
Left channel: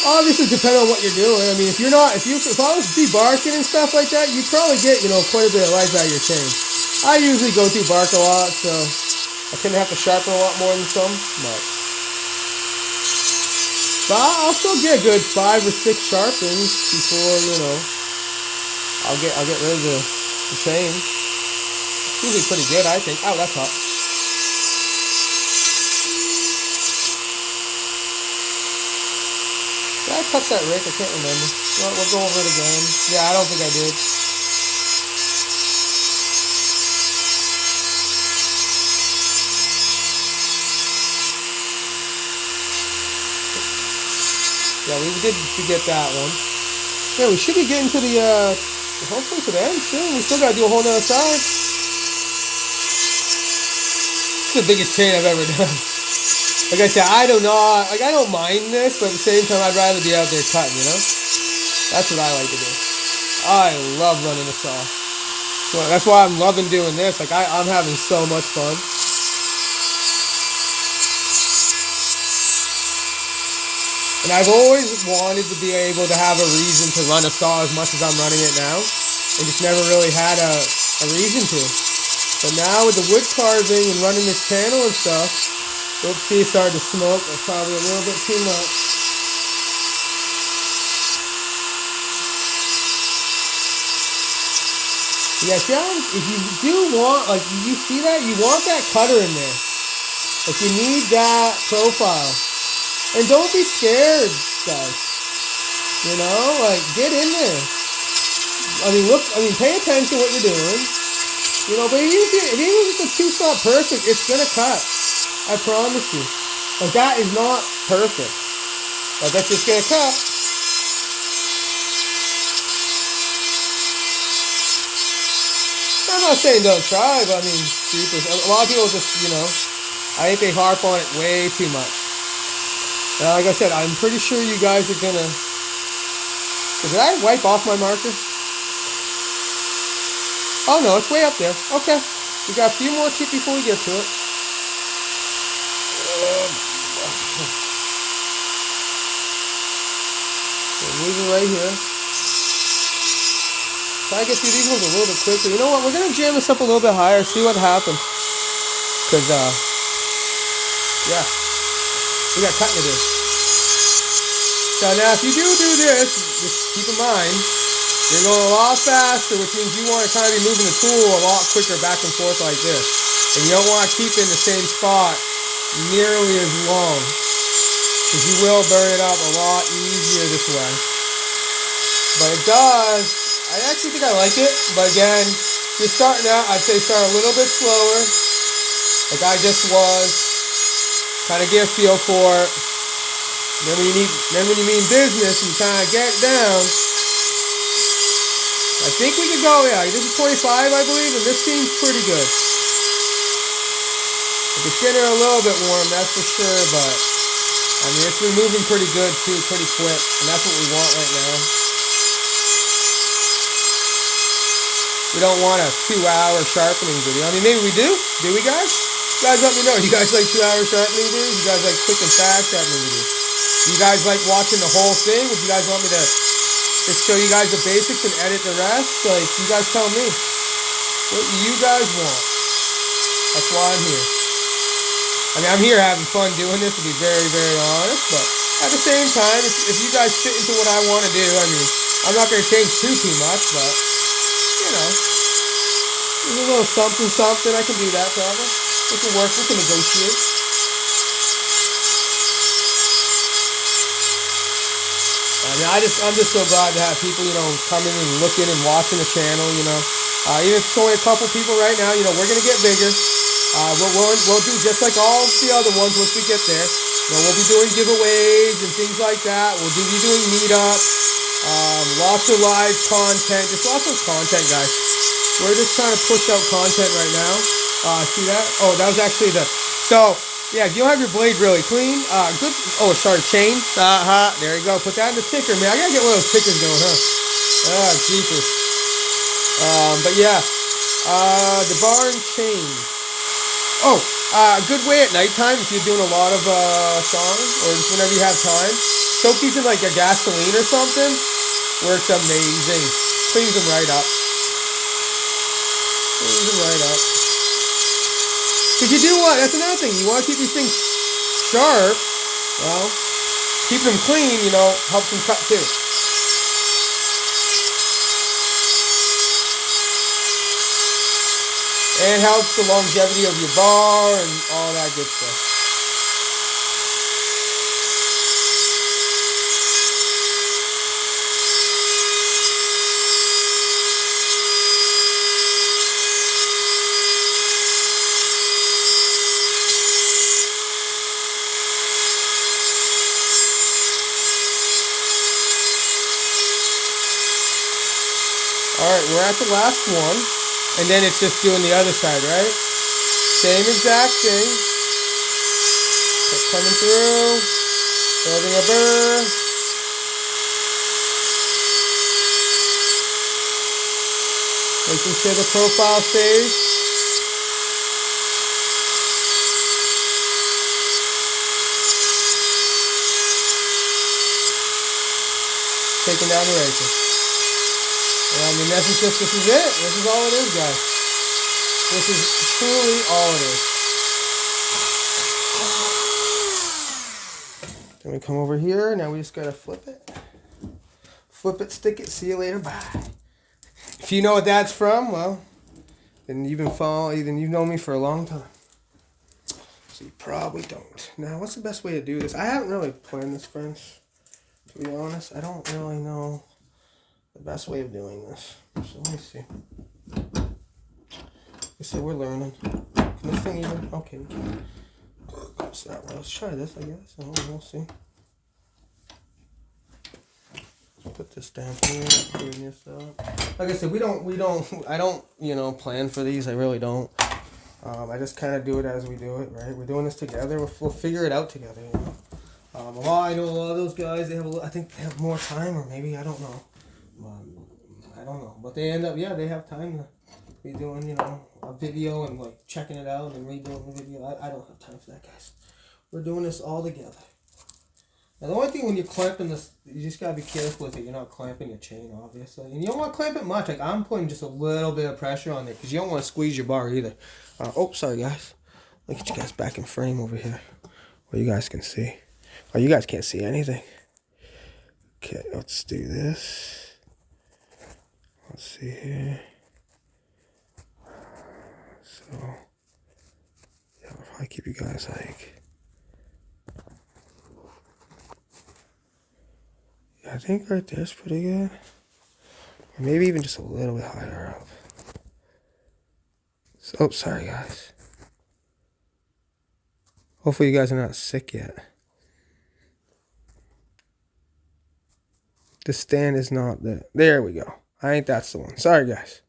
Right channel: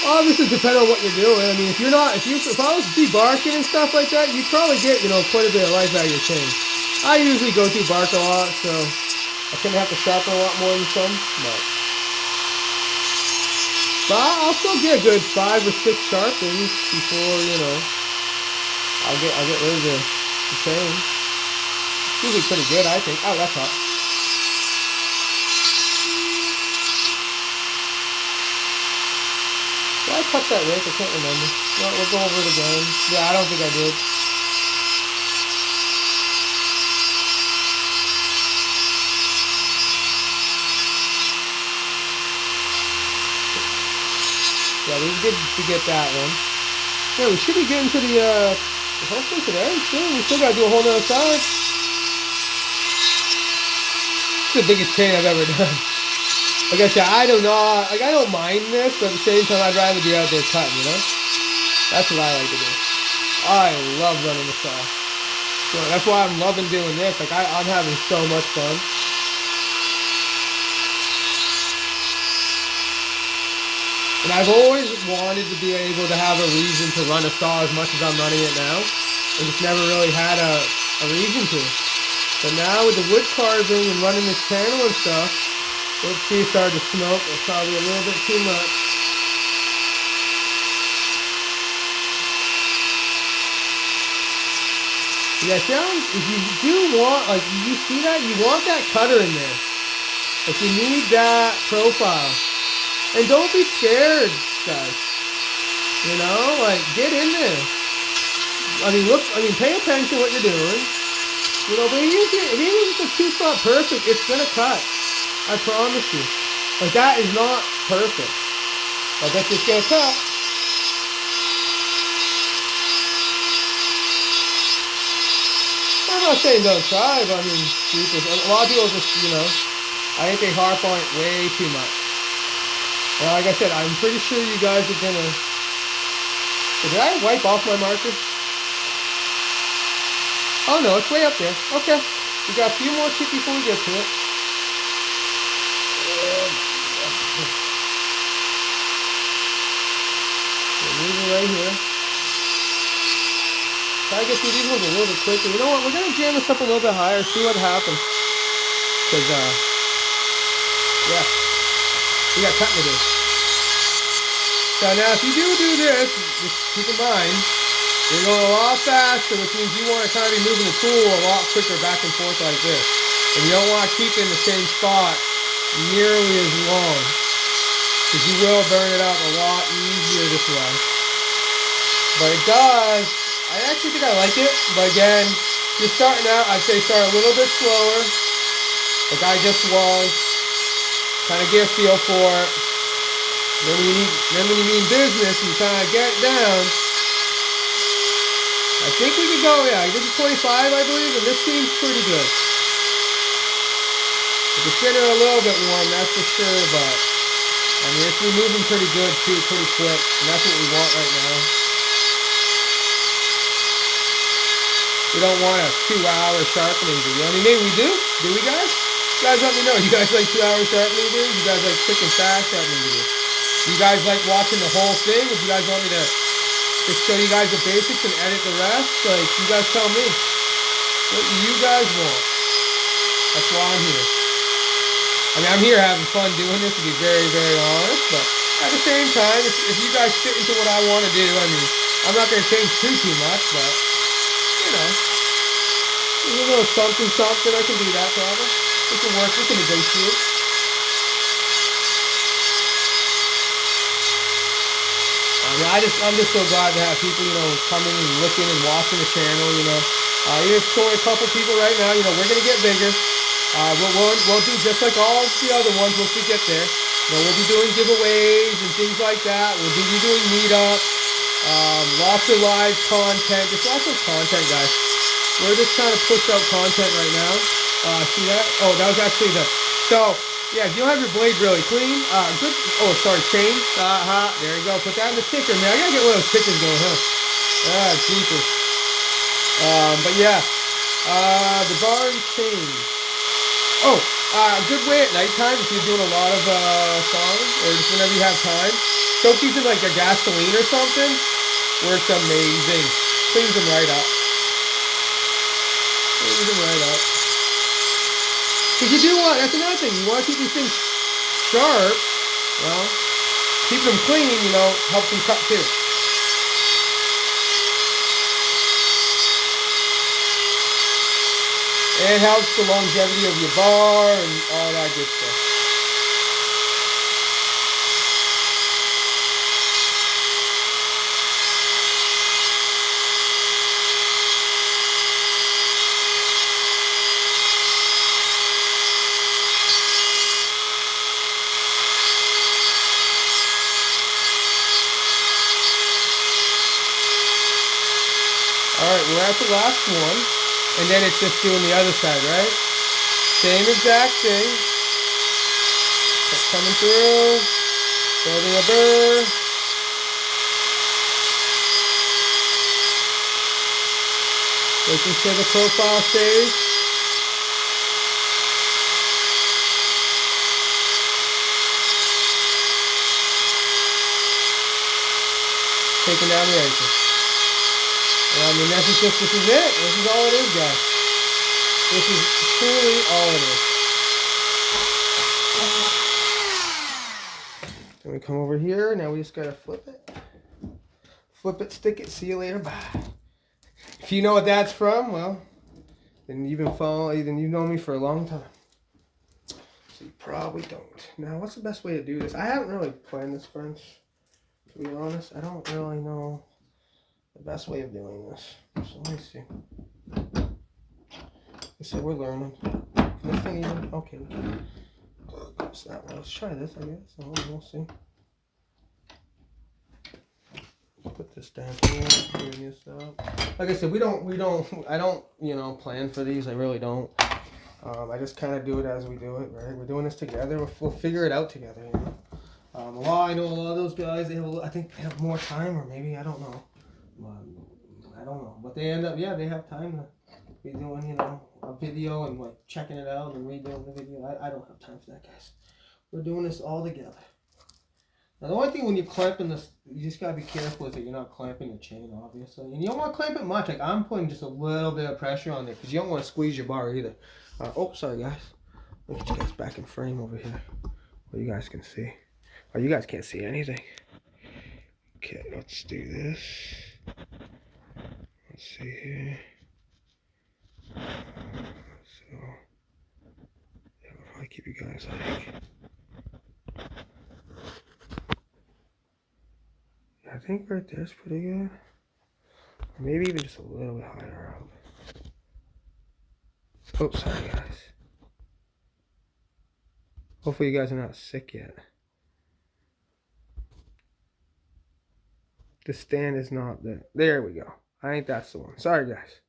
Obviously, depending on what you're doing. I mean, if I was debarking and stuff like that, you'd probably get, quite a bit of life out of your chain. I usually go through bark a lot, so I tend to have to sharpen a lot more than some. But I'll still get a good 5 or 6 sharpens before, I'll get rid of the chain. It's usually pretty good, I think. Oh, that's hot. Did I touch that rake? I can't remember. Well, we'll go over it again. Yeah, I don't think I did. Yeah, we did to get that one. Yeah, we should be getting to the hopefully to the end soon. We still gotta do a whole nother side. It's the biggest chain I've ever done. Like I said, I don't mind this, but at the same time, I'd rather be out there cutting, you know? That's what I like to do. I love running the saw. So that's why I'm loving doing this. Like, I'm having so much fun. And I've always wanted to be able to have a reason to run a saw as much as I'm running it now. And just never really had a reason to. But now with the wood carving and running this channel and stuff, let's see, it started to smoke. That's probably a little bit too much. Yeah, if you do want, like, you see that? You want that cutter in there. Like, you need that profile. And don't be scared, guys. You know, like, get in there. Pay attention to what you're doing. You know, but even if the tooth's not perfect, it's gonna cut. I promise you. Like, that is not perfect. Like, that's just gonna cut. I'm not saying don't try, but I mean, a lot of people just, you know, I think they harp on it way too much. And like I said, I'm pretty sure you guys are gonna... Did I wipe off my marker? Oh no, it's way up there. Okay. We got a few more chips before we get to it. Leave it right here. Try to get through these ones a little bit quicker. You know what? We're gonna jam this up a little bit higher, see what happens. Cause yeah, we got cutting to do. So now, if you do this, just keep in mind, you're going a lot faster, which means you want to kind of be moving the tool a lot quicker back and forth like this. And you don't want to keep it in the same spot nearly as long, because you will burn it up a lot easier this way. But it does. I actually think I like it, but again, just starting out, I'd say start a little bit slower, like I just was. Kind of get a feel for it. Then when you mean business, you kind of get it down. I think we could go, yeah, this is 25, I believe, and this seems pretty good. If it's getting a little bit warm, that's for sure, but I mean, it's removing pretty good too, pretty quick, and that's what we want right now. We don't want a 2-hour sharpening video. I mean, maybe we do. Do we, guys? You guys let me know. You guys like 2-hour sharpening videos? You guys like quick and fast sharpening videos? You guys like watching the whole thing? Would you guys want me to just show you guys the basics and edit the rest? Like, you guys tell me. What do you guys want? That's why I'm here. I mean, I'm here having fun doing this, to be very, very honest. But at the same time, if you guys fit into what I want to do, I mean, I'm not going to change too much, but, you know, there's a little something. I can do that, probably. We can work. We can negotiate. I mean, I'm just so glad to have people, you know, coming and looking and watching the channel, you know. Even if it's only a couple people right now, you know, we're going to get bigger. We'll do just like all the other ones once we get there. You know, we'll be doing giveaways and things like that. We'll be doing meetups, lots of live content, just lots of content, guys. We're just trying to push out content right now. See that? Oh, that was actually so, yeah, if you don't have your blade really clean, good. Oh, sorry, chain. There you go. Put that in the ticker, man. I gotta get one of those tickers going, huh? Jeepers. But yeah, the bar and chain. Oh, good way at nighttime if you're doing a lot of songs, or just whenever you have time. Soak these in like a gasoline or something. Works amazing. Cleans them right up. Cleans them right up. Because you do want, that's another thing, you want to keep these things sharp, well, keep them clean, you know, helps them cut too. And it helps the longevity of your bar and all that good stuff. Alright, we're at the last one, and then it's just doing the other side, right? Same exact thing. Kept coming through, building a burr. Making sure the profile stays. Taking down the razor. And I mean, this is it. This is all it is, guys. This is truly all it is. Then we come over here. Now we just gotta flip it. Flip it, stick it, see you later, bye. If you know what that's from, well, then you've been following, then you've known me for a long time. So you probably don't. Now, what's the best way to do this? I haven't really planned this, friends. To be honest, I don't really know the best way of doing this. So let me see. I said we're learning. Can this thing even? Okay, we can. What's that? Well, let's try this, I guess. And we'll see. Put this down here, clean this up. Like I said, I don't, plan for these. I really don't. I just kind of do it as we do it, right? We're doing this together. We'll figure it out together, you know. I know a lot of those guys, I think they have more time, or maybe, I don't know. I don't know. But they end up, they have time to be doing, a video and like checking it out and redoing the video. I don't have time for that, guys. We're doing this all together. Now, the only thing when you're clamping this, you just got to be careful with it. You're not clamping your chain, obviously. And you don't want to clamp it much. Like, I'm putting just a little bit of pressure on there because you don't want to squeeze your bar either. Oh, sorry, guys. Look at you guys back in frame over here where you guys can see. Oh, you guys can't see anything. Okay, let's do this. Let's see here. So, yeah, if I keep you guys like... I think right there's pretty good. Or maybe even just a little bit higher up. So, oh, sorry guys. Hopefully you guys are not sick yet. The stand is not there. There we go. I think that's the one. Sorry guys.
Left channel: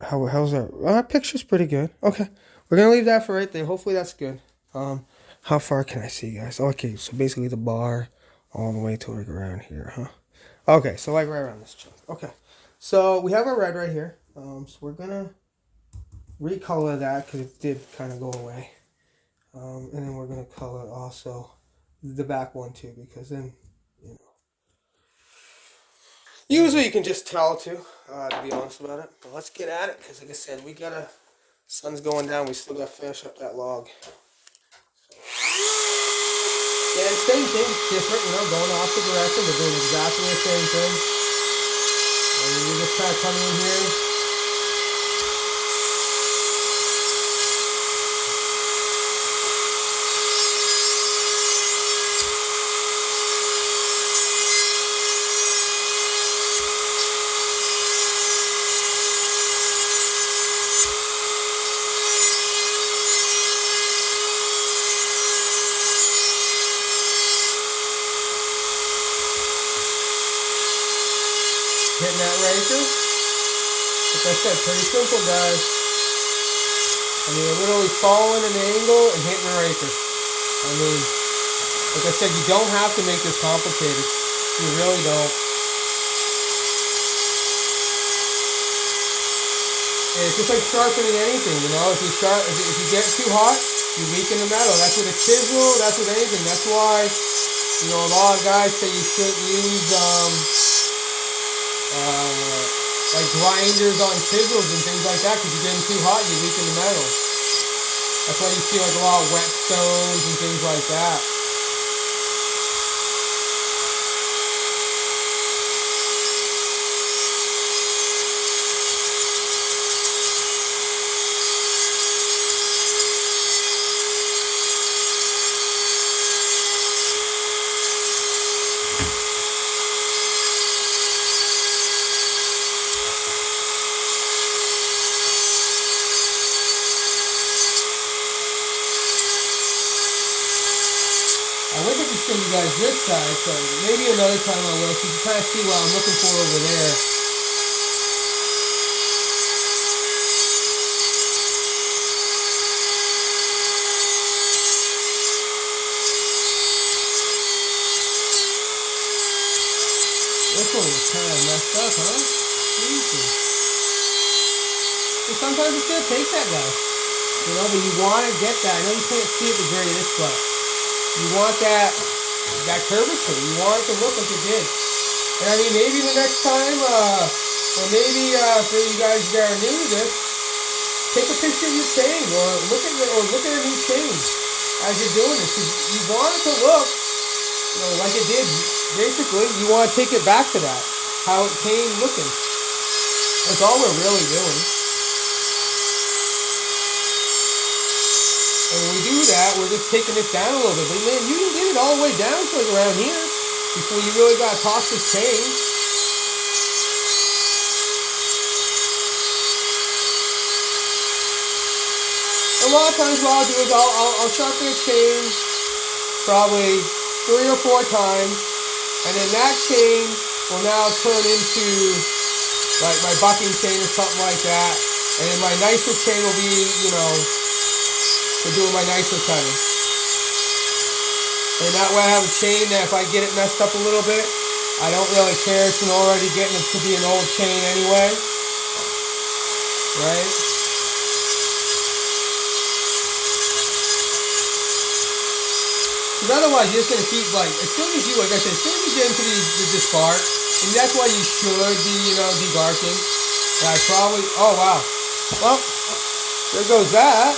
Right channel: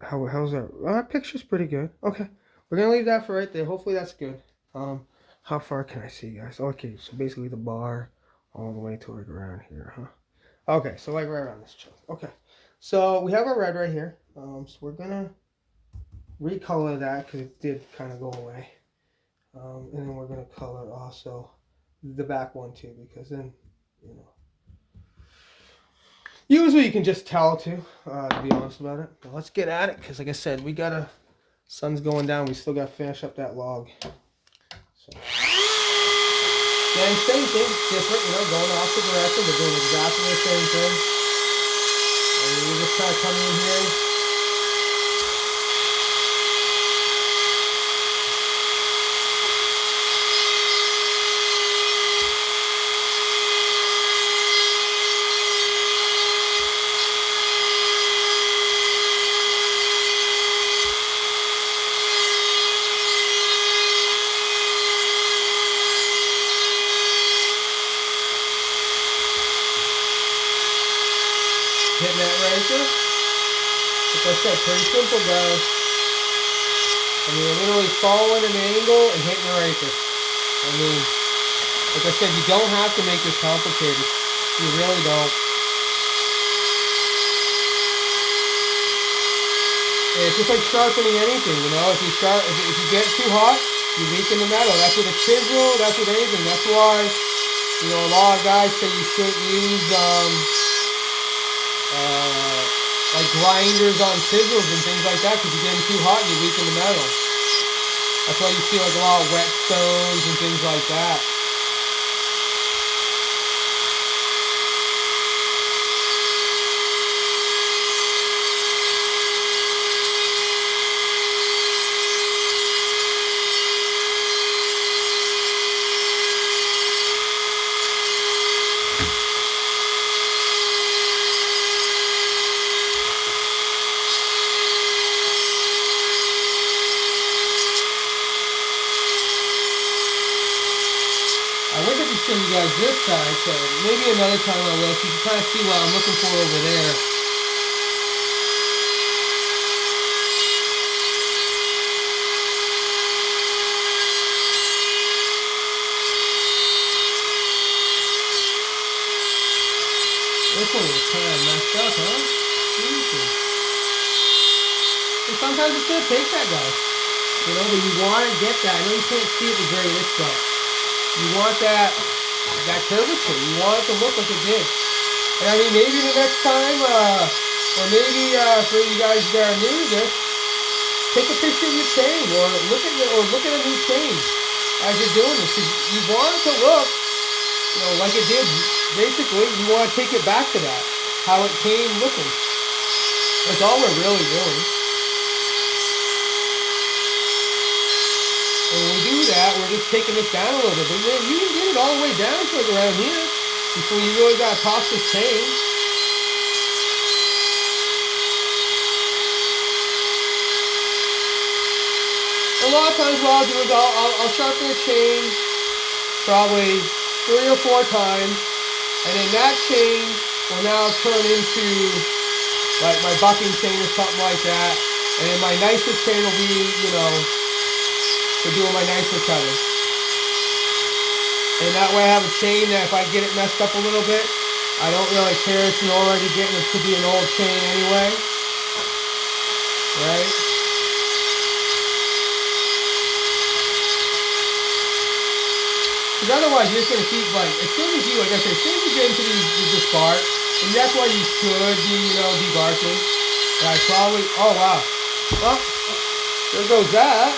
How's our picture's pretty good. Okay. We're gonna leave that for right there. Hopefully that's good. How far can I see, guys? Okay, so basically the bar all the way to like around here, huh? Okay, so like right around this chunk. Okay, so we have our red right here. So we're gonna recolor that because it did kind of go away. And then we're gonna color also the back one too, because then, usually you can just tell too, to be honest about it. But let's get at it, because like I said, sun's going down. We still gotta finish up that log. So. Yeah, and same thing, it's different, going the opposite direction, but doing exactly the same thing. And you just kind of come in here. Hitting that razor. Like I said, pretty simple, guys. I mean, you're literally following an angle and hitting the razor. I mean, like I said, you don't have to make this complicated. You really don't. And it's just like sharpening anything, If you get too hot, you weaken the metal. That's with a chisel. That's with anything. That's why, a lot of guys say you shouldn't use like grinders on chisels and things like that, because you're getting too hot and you weaken the metal. That's why you see like a lot of wet stones and things like that. I wish I could show you guys this side, so maybe another time I will, so you can kind of see what I'm looking for over there. one was kind of messed up, huh? Jesus. And sometimes it's gonna take that, guys. You know, but you want to get that. I know you can't see it the greatest, but you want that curvature. You want it to look like it did. And I mean, maybe the next time, or maybe for you guys that are new to this, take a picture of your chain, or look at a new chain as you're doing this. Because you want it to look, you know, like it did. Basically, you want to take it back to that, how it came looking. That's all we're really doing. And when we do that, we're just taking this down a little bit. But man, you can get it all the way down to like around here before you really gotta toss this chain. A lot of times what I'll do is I'll sharpen a chain probably 3 or 4 times, and then that chain will now turn into like my bucking chain or something like that. And then my nicer chain will be, you know, for doing my nicer cutting. And that way I have a chain that if I get it messed up a little bit, I don't really care. It's already getting it to be an old chain anyway. Right? Because otherwise you're just going to keep like, as soon as you, like I said, as soon as you get into this bark, and that's why you should be, you know, debarking. And I probably, oh wow. Well, there goes that.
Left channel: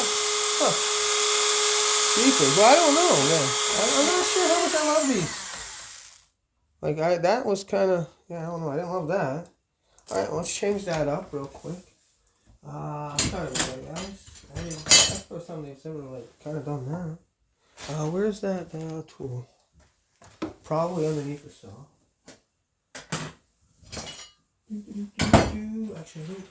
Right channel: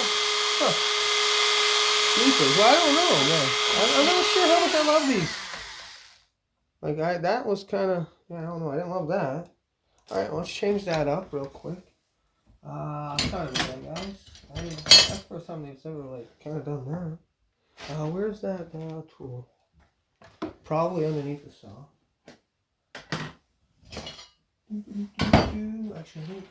Huh. Jeepers. Well, I don't know, man. I'm not sure how much I love these. Like, that was kind of, yeah, I don't know. I didn't love that. All right, let's change that up real quick. Sorry about that, guys. That's the first time they've ever, like, kind of done that. Where's that tool? Probably underneath the saw. Actually, I think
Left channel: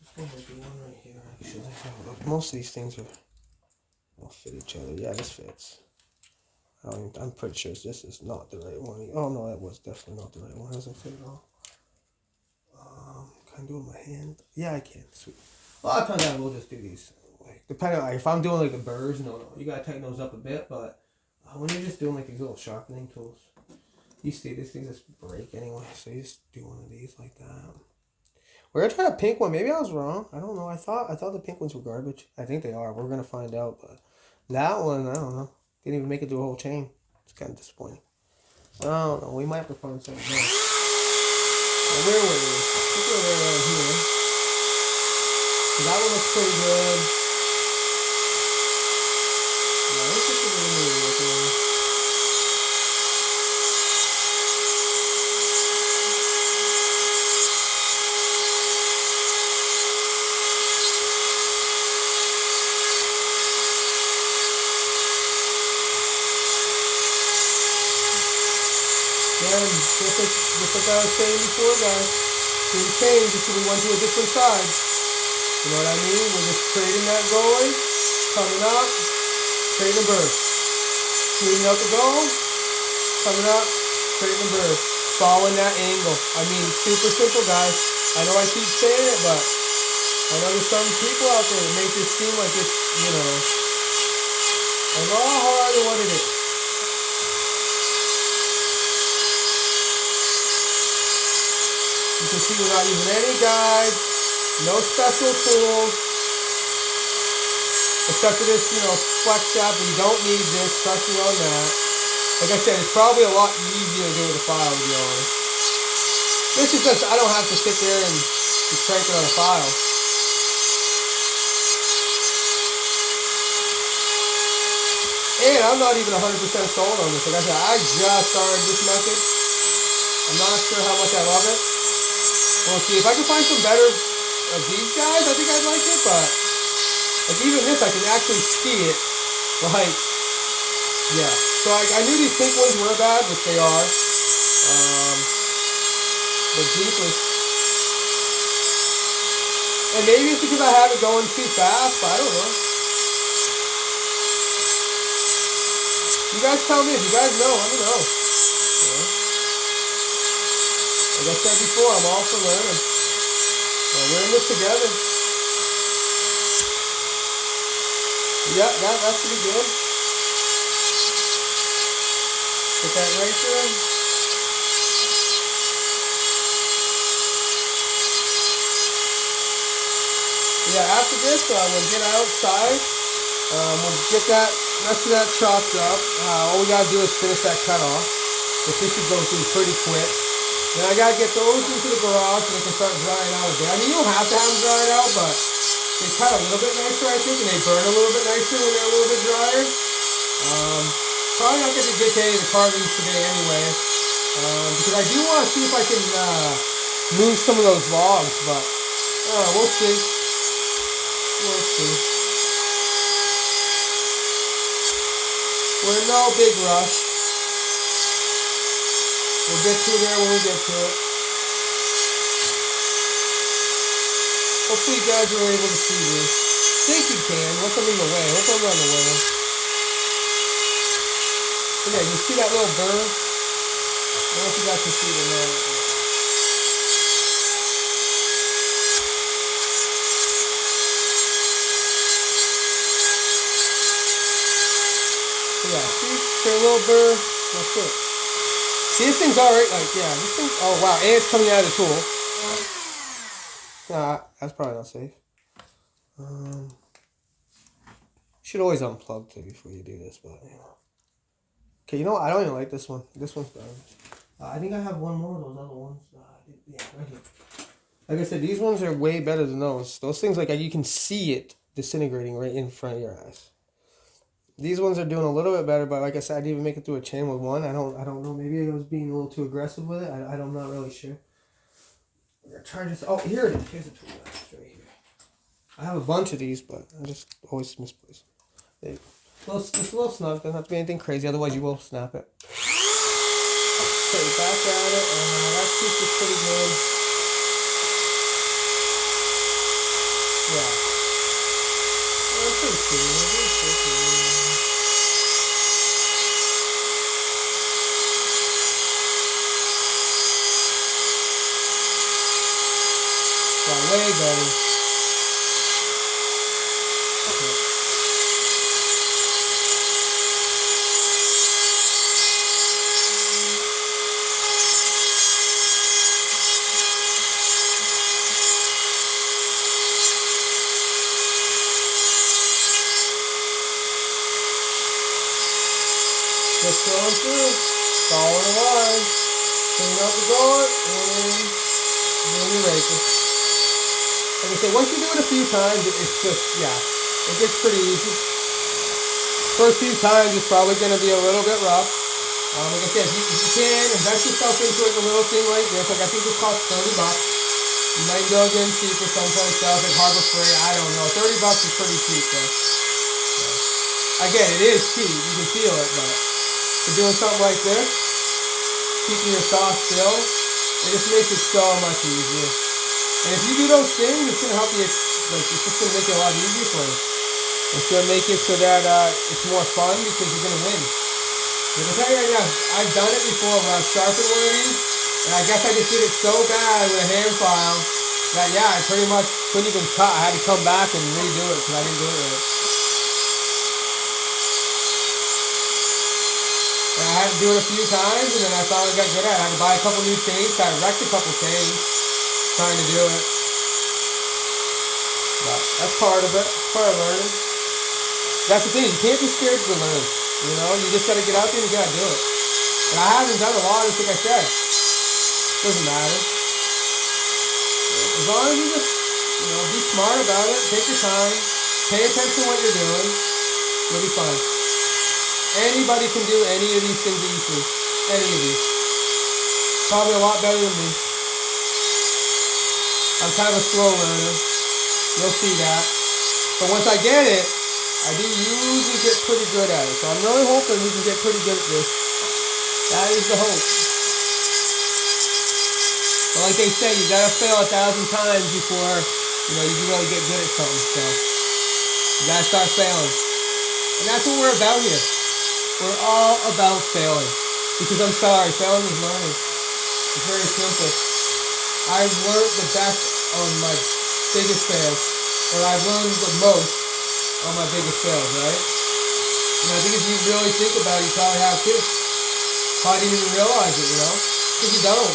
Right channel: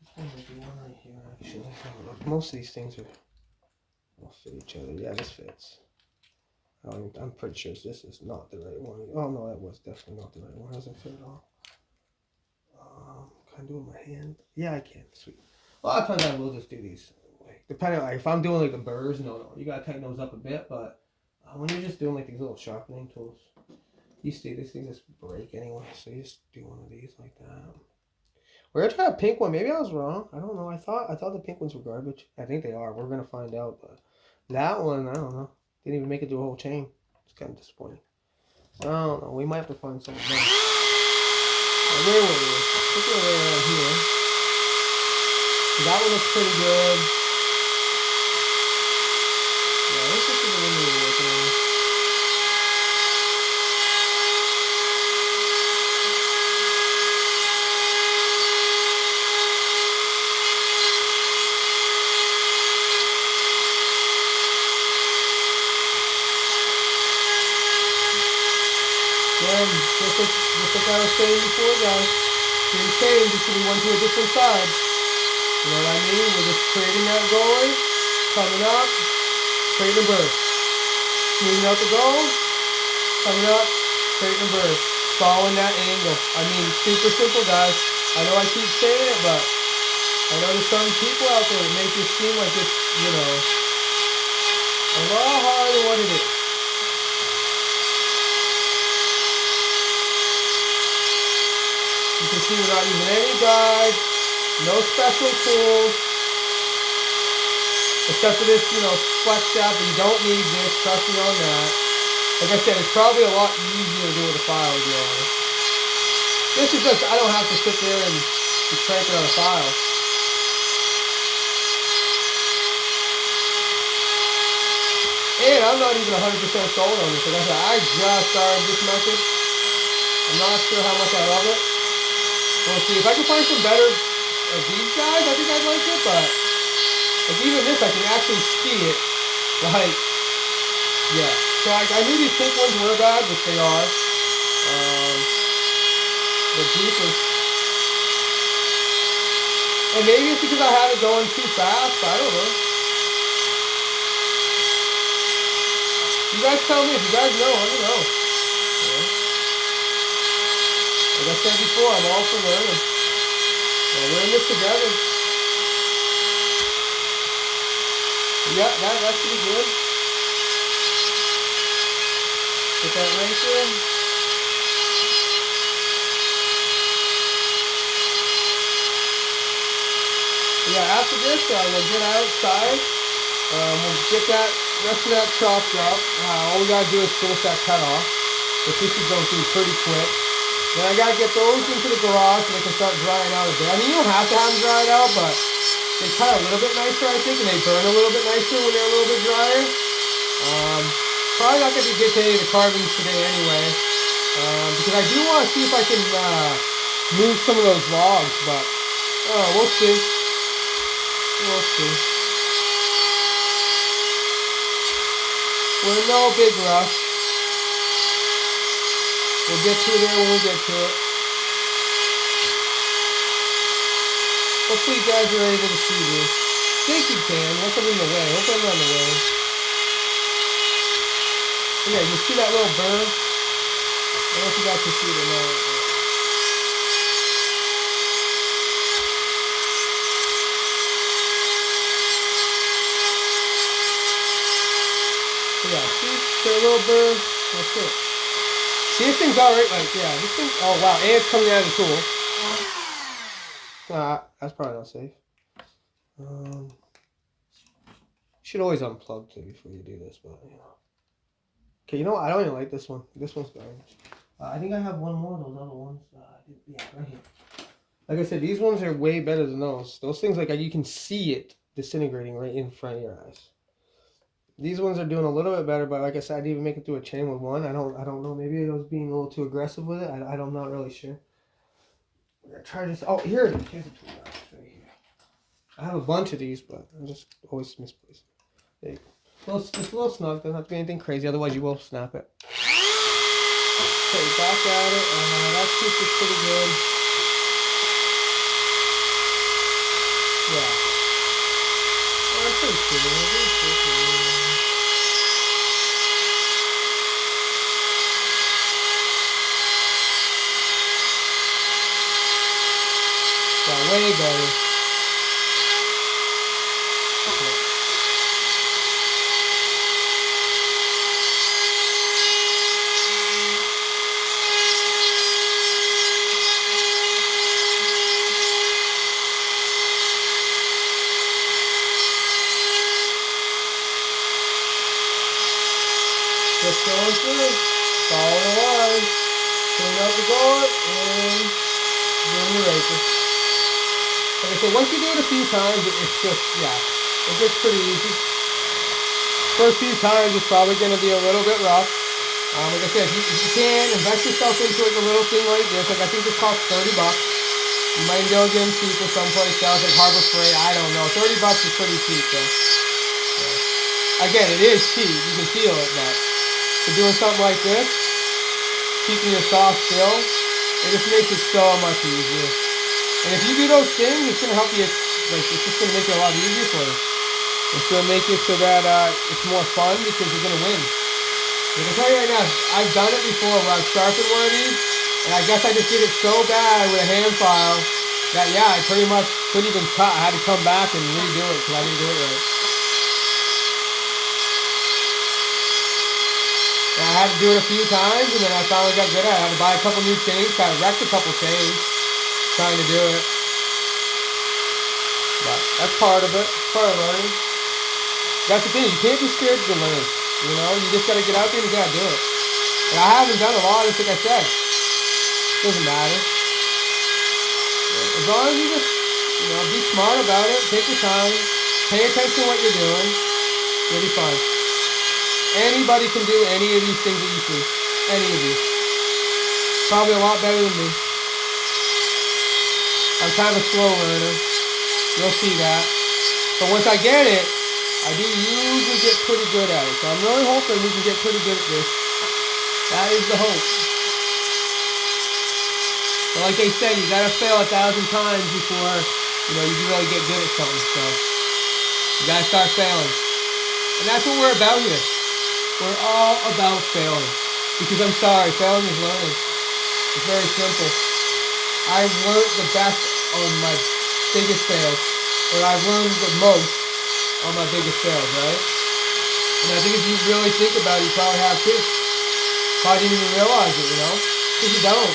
this one might be one right here, actually. Most of these things will fit each other. Yeah, this fits. I'm pretty sure this is not the right one. Oh no, that was definitely not the right one. Doesn't fit at all. Can I do it with my hand? Yeah, I can. Sweet. A lot of times I will just do these. Like, depending on, like, if I'm doing like a burrs, no, you gotta tighten those up a bit. But when you're just doing like these little sharpening tools, these things just break anyway. So you just do one of these like that. We're gonna try a pink one. Maybe I was wrong. I don't know. I thought the pink ones were garbage. I think they are. We're gonna find out. But that one, I don't know. Didn't even make it through a whole chain. It's kind of disappointing. I don't know. We might have to find something else. Where were we? I think we're right around here. That one looks pretty good. Yeah, this is the one we were working on. Again, just like I was saying before, guys, didn't change until we went to a different side. You know what I mean? We're just trading that going, coming up, trading a burst. Smoothing out the goal, coming up, trading a burst. Following that angle. I mean, super simple, guys. I know I keep saying it, but I know there's some people out there that make this seem like it's, you know, a lot harder than what it is. You can see we're not using any guides, no special tools, except for this, you know, flex shaft, but you don't need this, trust me on that. Like I said, it's probably a lot easier to do with a file, to be honest. This is just, I don't have to sit there and be cranking on a file. And I'm not even 100% sold on this. Like I said, I just started this method. I'm not sure how much I love it. We'll see. If I can find some better of these guys, I think I'd like it, but like even this, I can actually see it. Like, yeah. So I knew these pink ones were bad, which they are. But jeepers. And maybe it's because I have it going too fast, but I don't know. You guys tell me. If you guys know, let me know. Yeah. Like I said before, I'm all for learning. Well, we're in this together. Yeah, that should be good. Put that right there. Yeah, after this, we'll get outside. We'll get that rest of that chopped up. All we gotta do is finish that cut off. This should go through pretty quick. Then I gotta get those into the garage so they can start drying out a bit. I mean, you don't have to have them dried out, but they cut a little bit nicer, I think, and they burn a little bit nicer when they're a little bit drier. Probably not gonna get to any of the carvings today anyway, because I do want to see if I can move some of those logs, but we'll see. We'll see. We're in no big rush. We'll get to it there when we get to it. Hopefully you guys are able to see this. I think you can, once I'm in the way. Hope I'm not in the way. Yeah, you see that little burr? I don't know if you guys can see it or not. So yeah, see their little burr? That's it. See, this thing's alright, like, yeah, this thing, oh wow, and it's coming out of the tool. That's probably not safe. Should always unplug too before you do this, but you know. Okay, you know what? I don't even like this one. This one's garbage. I think I have one more of those other ones. Yeah, right here. Like I said, these ones are way better than those. Those things, like, you can see it disintegrating right in front of your eyes. These ones are doing a little bit better, but like I said, I didn't even make it through a chain with one. I don't know. Maybe I was being a little too aggressive with it. I'm not really sure. I'm gonna try this. Oh, here it is. Here's a tool. It's right here. I have a bunch of these, but I just always misplace them. There you go. Just a little snug. Doesn't have to be anything crazy, otherwise you will snap it. Okay, back at it. That piece is pretty good. Yeah. That's pretty cool. Yeah, way better. Okay. Just going through, following along, clean out the guard, and doing your raking. Like I said, once you do it a few times, it's just, yeah, it gets pretty easy. First few times, it's probably going to be a little bit rough. Like I said, if you can, invest yourself into like a little thing like this. Like I think this costs $30. You might go get them cheaper someplace else, like Harbor Freight. I don't know. $30 is pretty cheap, though. So, again, it is cheap. You can feel it, but for doing something like this, keeping your saw still, it just makes it so much easier. And if you do those things, it's gonna help you. Like, it's just gonna make it a lot easier for you. It's gonna make it so that it's more fun because you're gonna win. Like I tell you right now, I've done it before where I've sharpened one of these, and I guess I just did it so bad with a hand file that I pretty much couldn't even cut. I had to come back and redo it because I didn't do it right. And I had to do it a few times, and then I finally got good at it. I had to buy a couple new chains, kind of wrecked a couple chains trying to do it. But that's part of it. It's part of learning. That's the thing. You can't be scared to learn. You know, you just got to get out there and you got to do it. And I haven't done a lot of this, like I said. Doesn't matter. As long as you just, be smart about it. Take your time. Pay attention to what you're doing. You'll be fine. Anybody can do any of these things that you see. Any of these. Probably a lot better than me. I'm kind of a slow learner. You'll see that. But once I get it, I do usually get pretty good at it. So I'm really hoping we can get pretty good at this. That is the hope. But like they say, you gotta fail 1,000 times before, you can really get good at something. So you gotta start failing. And that's what we're about here. We're all about failing. Because I'm sorry, failing is learning. It's very simple. I've learned the best on my biggest fails. Or I've learned the most on my biggest fails, right? And I think if you really think about it, you probably have too. Probably didn't even realize it, because you don't.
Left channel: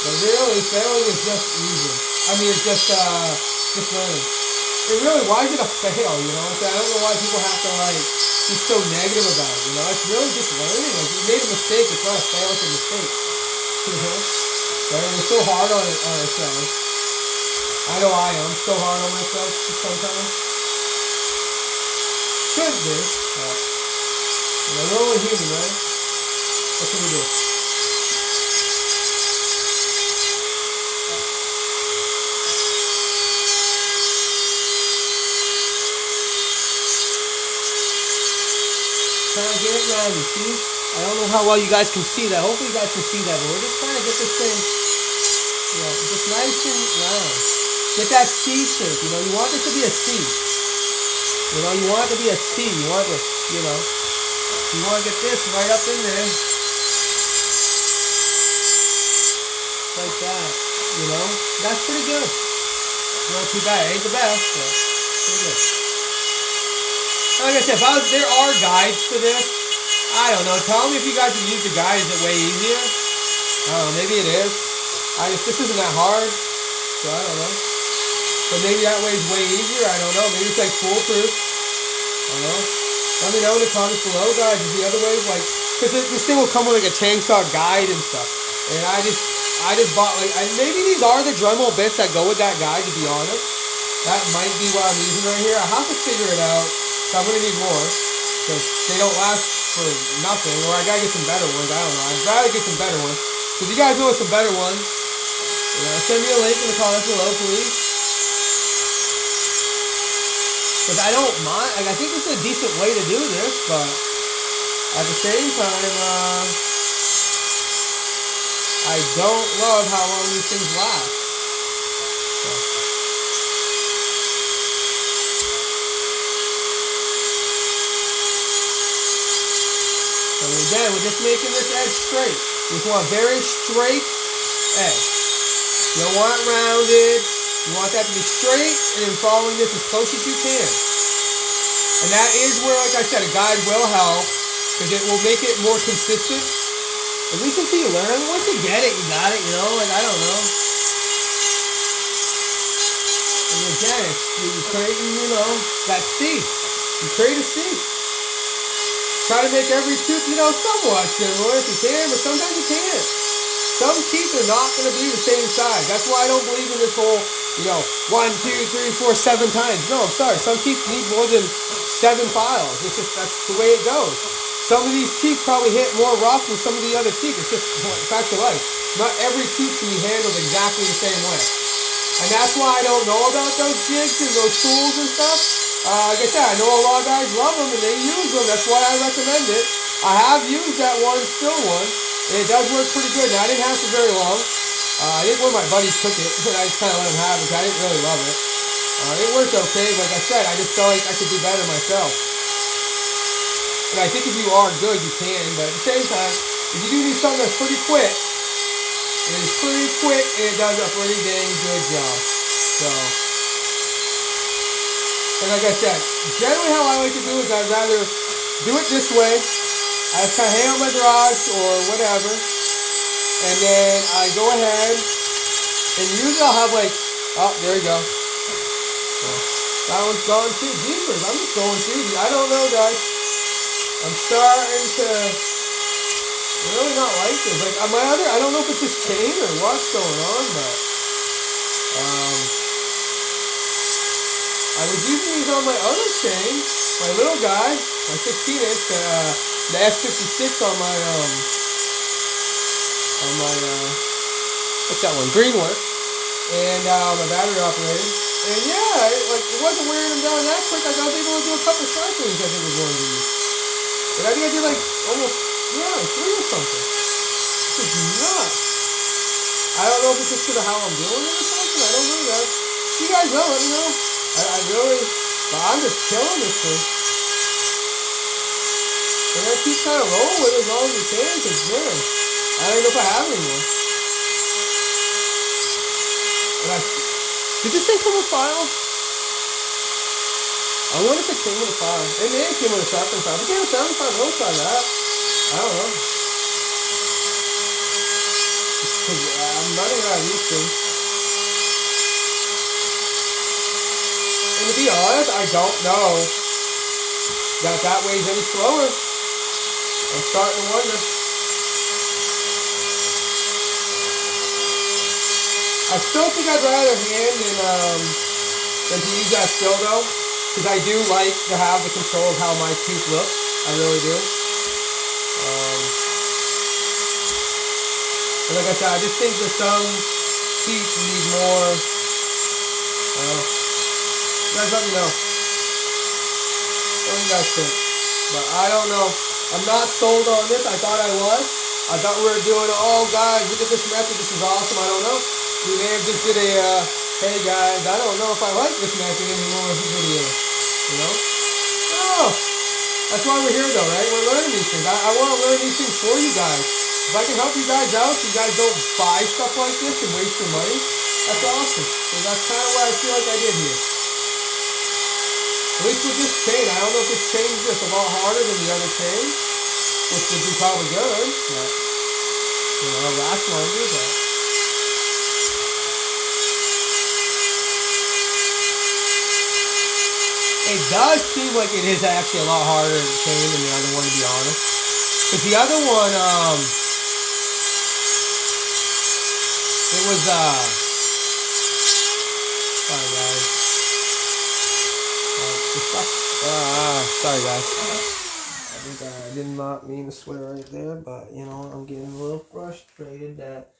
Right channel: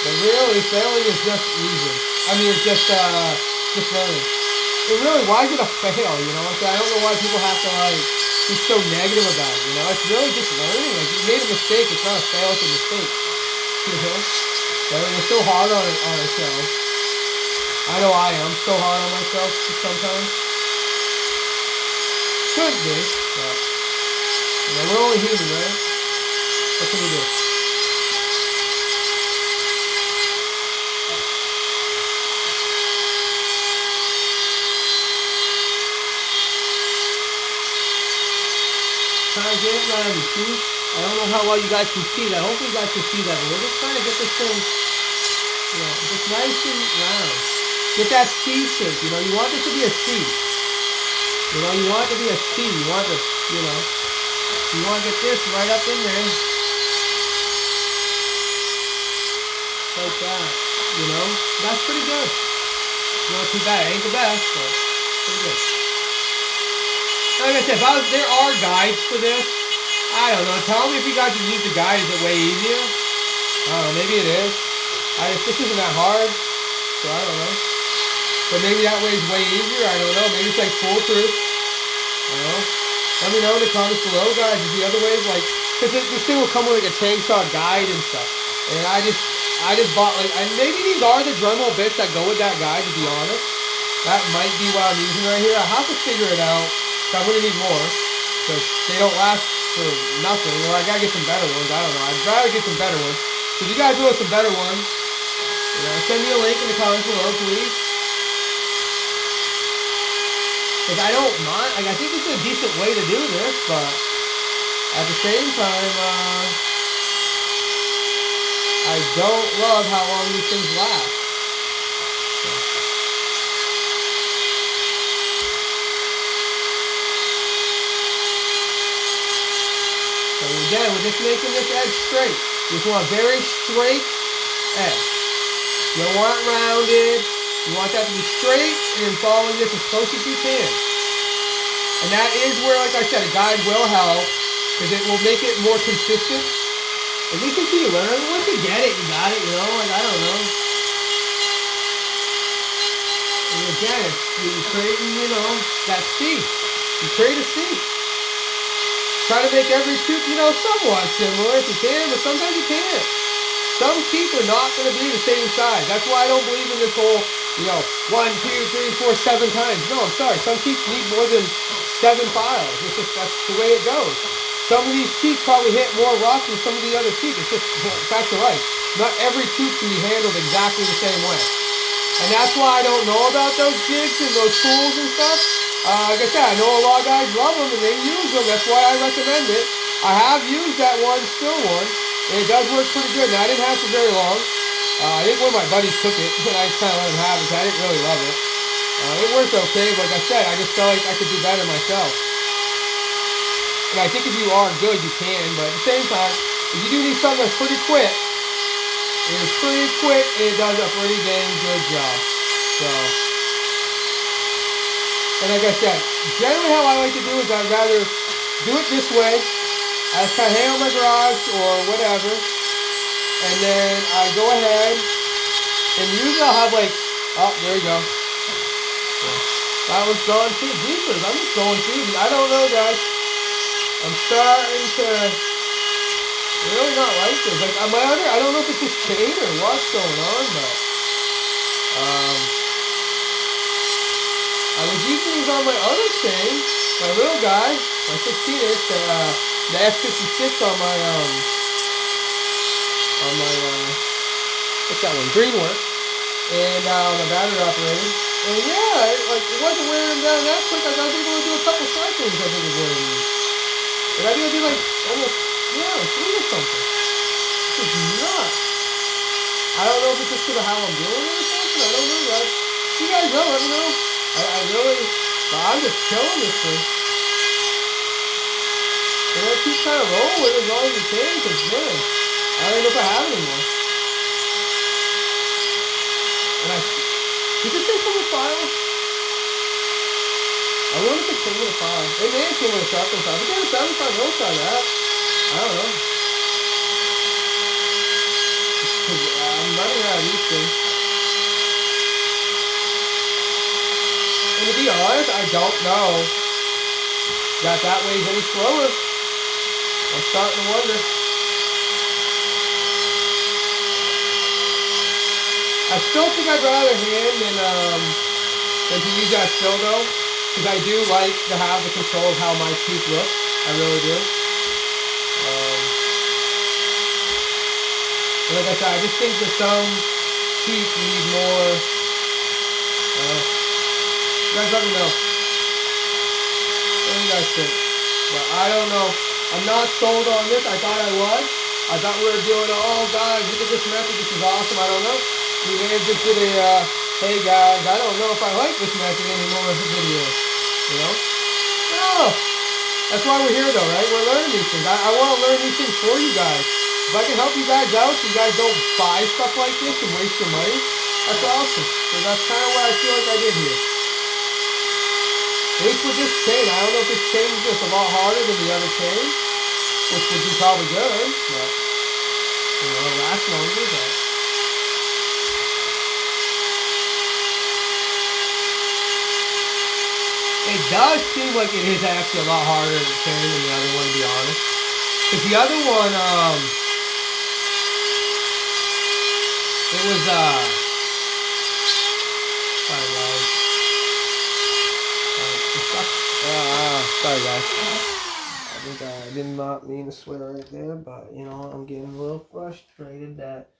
But really, failing is just easy. I mean, it's just learning. It really, why is it a fail? You know what I'm saying? I don't know why people have to like be so negative about it. You know, it's really just learning. Like you made a mistake, it's not a fail, it's a mistake. You know, we're so hard on ourselves. I know I am so hard on myself sometimes. Could be, but you know, we're only human, right? What can we do? Trying to get it rounded, see? I don't know how well you guys can see that. Hopefully you guys can see that, but we're just trying to get this thing, you know, just nice and round. Get that C shape, you know, you want this to be a C. You know, you want it to be a C. You want this, you know, you want to get this right up in there. Like that, you know? That's pretty good. Not too bad. It ain't the best, but pretty good. Like I said, there are guides for this. I don't know. Tell me if you guys would use the guide. Is it way easier? I don't know. Maybe it is. If this isn't that hard, so I don't know. But maybe that way is way easier. I don't know. Maybe it's like foolproof. I don't know. Let me know in the comments below, guys. Is the other way like, because this thing will come with like a chainsaw guide and stuff. And I just bought like, maybe these are the dremel bits that go with that guide. To be honest, that might be what I'm using right here. I have to figure it out. I'm going to need more, because they don't last for nothing, or I got to get some better ones, I don't know. I'd rather get some better ones. So if you guys know some better ones, you know, send me a link in the comments below, please. Because I don't mind, like, I think this is a decent way to do this, but at the same time, I don't love how long these things last. So. And again, we're just making this edge straight. You just want a very straight edge. You don't want it rounded. You want that to be straight and following this as close as you can. And that is where, like I said, a guide will help, because it will make it more consistent. At least until you learn. Once you get it, you got it, you know? Like, I don't know. And again, you're creating, you know, that C. You create a C. Try to make every tooth, you know, somewhat similar if you can, but sometimes you can't. Some teeth are not going to be the same size. That's why I don't believe in this whole, you know, 1, 2, 3, 4, 7 times. No, I'm sorry. Some teeth need more than 7 files. It's just, that's the way it goes. Some of these teeth probably hit more rough than some of the other teeth. It's just facts of life. Not every tooth can be handled exactly the same way. And that's why I don't know about those jigs and those tools and stuff. Like I said, I know a lot of guys love them and they use them. That's why I recommend it. I have used that one, still one, and it does work pretty good. Now, I didn't have it for very long. I think one of my buddies took it, and I just kind of let him have it because I didn't really love it. It worked okay, but like I said, I just felt like I could do better myself. And I think if you are good, you can, but at the same time, if you do need something that's pretty quick, it is pretty quick, and it does a pretty dang good job. So, and like I said, generally how I like to do is I'd rather do it this way. I just kind of hang out in my garage or whatever, and then I go ahead, and usually I'll have like, oh, there we go. So, that one's gone too. Jeepers, I'm just going through these. I don't know, guys. I'm starting to really not like this. Like my other, I don't know if it's this chain or what's going on, but I was using these on my other chain, my little guy, my 16-inch, the S56 on my what's that one? Greenwork, and my battery operated. And yeah, it wasn't wearing them down that quick. I was able to do a couple cyclings. I think with one of these. And I think I did like almost, yeah, 3 or something. This is nuts. I don't know if it's just because of how I'm doing it or something. I don't know, guys. You guys know, let me know. I really, but I'm just killing this thing. And I keep trying to roll with it as long as you can, because man, I don't know if I have anymore. And did this thing come with file? I wonder if it came with a file. It may have came with a sharpening file. If it came with a 75, don't try that. I don't know. Because I'm running out of these things. And to be honest, I don't know that way's any slower. I'm starting to wonder. I still think I'd rather hand than to use that dildo, because I do like to have the control of how my teeth look. I really do. And like I said, I just think that some teeth need more. You guys let me know. What do you guys think? But I don't know. I'm not sold on this. I thought I was. I thought we were doing, oh guys, look at this method. This is awesome. I don't know. We may have just did a, hey guys, I don't know if I like this method anymore as a video. You know? No. That's why we're here though, right? We're learning these things. I want to learn these things for you guys. If I can help you guys out so you guys don't buy stuff like this and waste your money, that's awesome. So that's kind of what I feel like I did here. At least with this chain. I don't know if this chain is just a lot harder than the other chain, which would be probably good, but, you know, it'll last longer, but. It does seem like it is actually a lot harder to chain than the other one, to be honest. Because the other one, it was, sorry guys. Sorry guys. I think I did not mean to swear right there, but you know, I'm getting a little frustrated that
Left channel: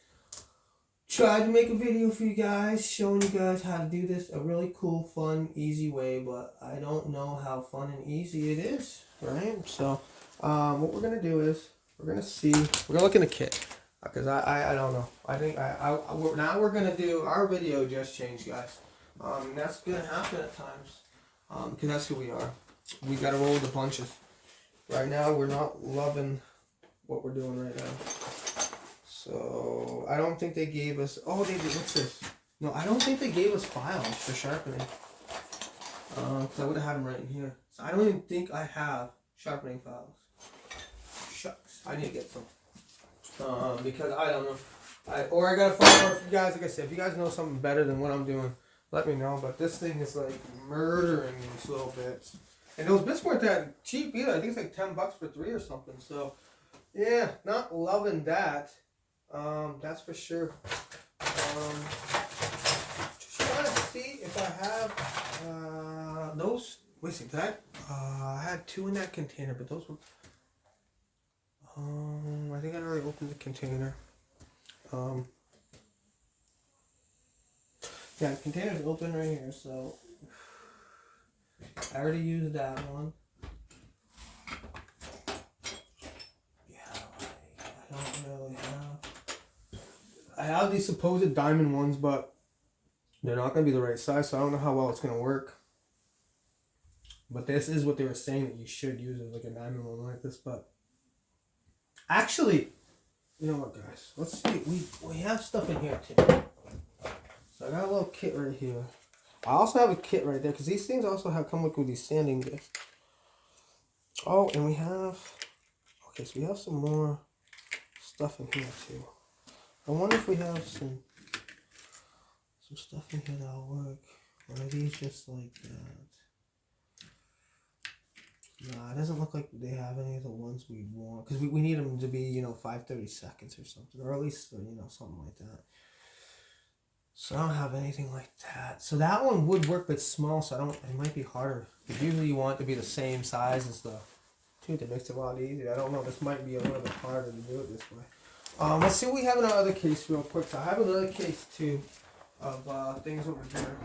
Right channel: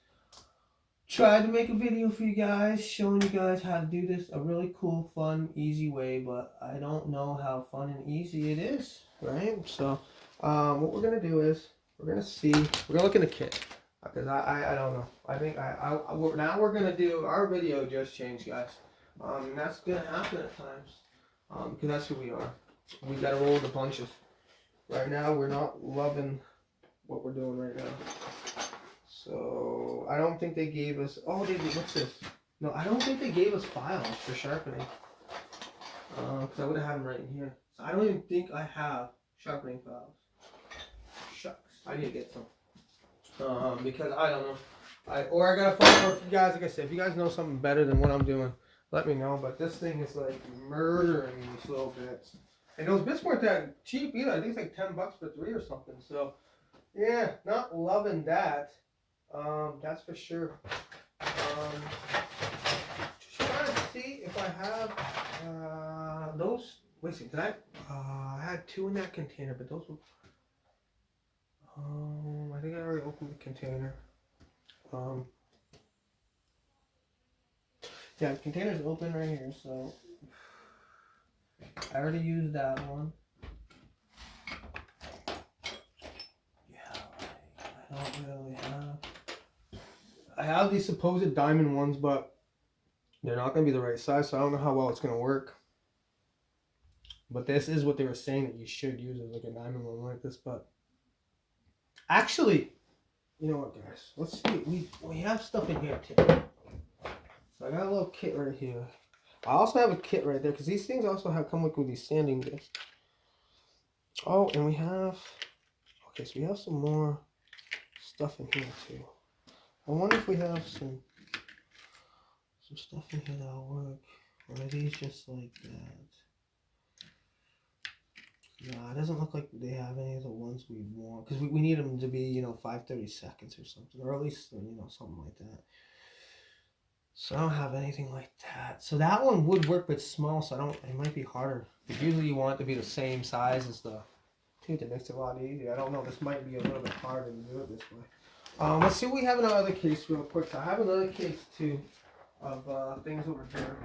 tried to make a video for you guys, showing you guys how to do this a really cool, fun, easy way, but I don't know how fun and easy it is, right? So, what we're gonna do is we're gonna look in the kit, because I don't know. I think now we're gonna do our video just changed, guys. And that's gonna happen at times, because that's who we are. We gotta roll with the punches. Right now, we're not loving what we're doing right now. So, I don't think they gave us... Oh, they did. What's this? No, I don't think they gave us files for sharpening. Because I would have had them right in here. So, I don't even think I have sharpening files. Shucks. I need to get some. Because I don't know. I gotta find out for you guys. Like I said, if you guys know something better than what I'm doing, let me know. But this thing is like murdering these little bits. And those bits weren't that cheap either. I think it's like $10 for 3 or something. So, yeah, not loving that. That's for sure. Just trying to see if I have those. Wait a second, did I had 2 in that container, but those were. I think I already opened the container. Yeah, the container's open right here, so I already used that one. Yeah, I don't really have. I have these supposed diamond ones, but they're not going to be the right size, so I don't know how well it's going to work. But this is what they were saying that you should use, it like a diamond one like this. But actually, you know what, guys? Let's see. We have stuff in here too. So I got a little kit right here. I also have a kit right there because these things also come with these sanding discs. Oh, and we have. Okay, so we have some more stuff in here too. I wonder if we have some stuff in here that'll work. Or are these just like that? Nah, it doesn't look like they have any of the ones we'd want. Because we need them to be, you know, 5/30 seconds or something. Or at least, you know, something like that. So I don't have anything like that. So that one would work, but it's small, so it might be harder. Because usually you want it to be the same size as the tooth. It makes it a lot easier. I don't know. This might be a little bit harder to do it this way. Let's see what we have in our other case real quick. So I have another case, too, of things over here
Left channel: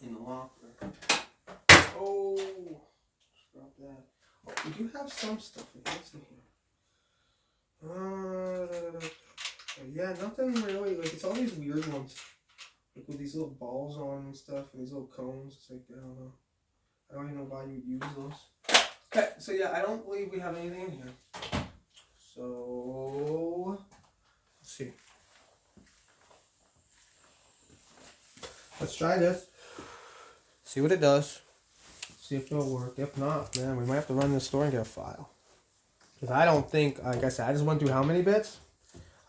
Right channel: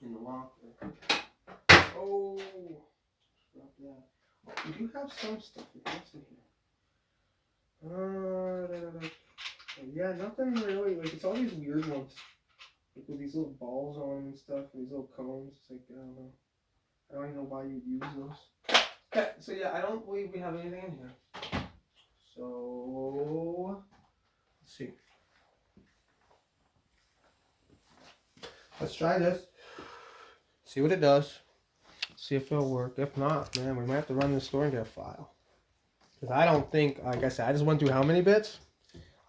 in the locker. Oh, drop that. Oh, we do have some stuff in here. Yeah, nothing really. Like, it's all these weird ones. Like, with these little balls on them and stuff, and these little cones. It's like, I don't know. I don't even know why you'd use those. Okay, so yeah, I don't believe we have anything in here. So, let's see. Let's try this. See what it does. See if it'll work. If not, man, we might have to run to the store and get a file. Because I don't think, like I said, I just went through how many bits?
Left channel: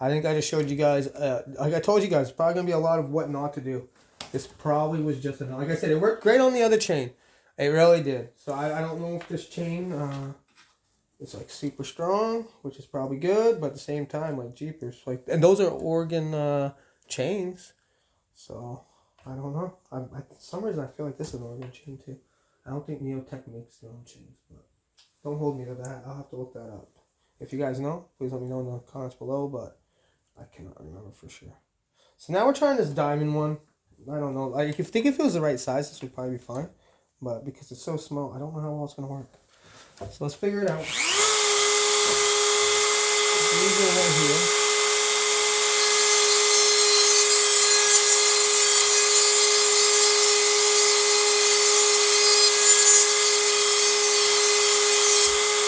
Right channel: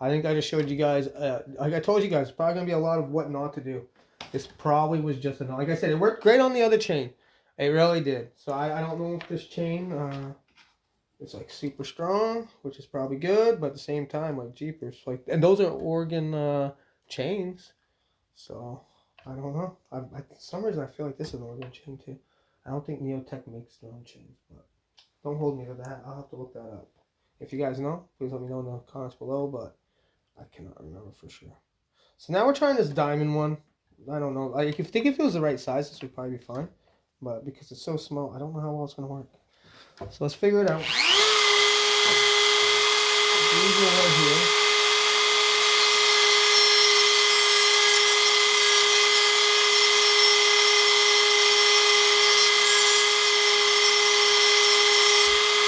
I think I just showed you guys, like I told you guys, it's probably going to be a lot of what not to do. This probably was just enough. Like I said, it worked great on the other chain. It really did. So I don't know if this chain is like super strong, which is probably good, but at the same time, like jeepers, like, and those are organ chains. So I don't know. For some reason I feel like this is an organ chain too. I don't think Neotech makes their own chains, but don't hold me to that. I'll have to look that up. If you guys know, please let me know in the comments below, but I cannot remember for sure. So now we're trying this diamond one. I don't know. Like, if it was the right size, this would probably be fine. But because it's so small, I don't know how well it's going to work. So let's figure it out. These are right here.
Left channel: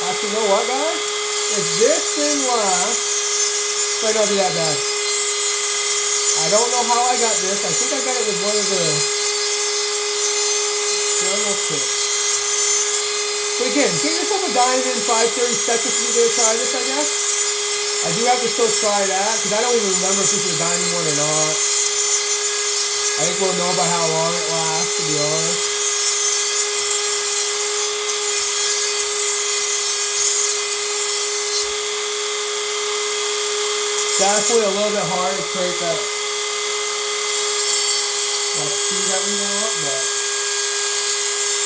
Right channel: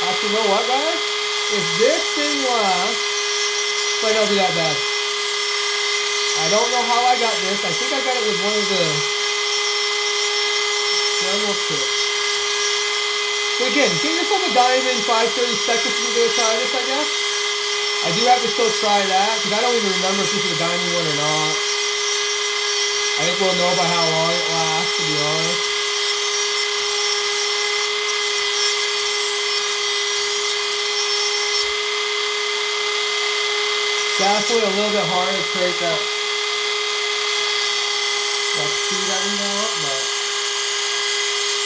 Actually, you know what, guys? If this thing lasts, it might not be that bad. I don't know how I got this. I think I got it with one of the dremel kits. So again, get yourself a diamond, 5-30 seconds if you're going to try this, I guess. I do have to still try that, because I don't even remember if this is a diamond one or not. I think we'll know by how long it lasts, to be honest. Definitely a little bit hard to create that speed that we want, but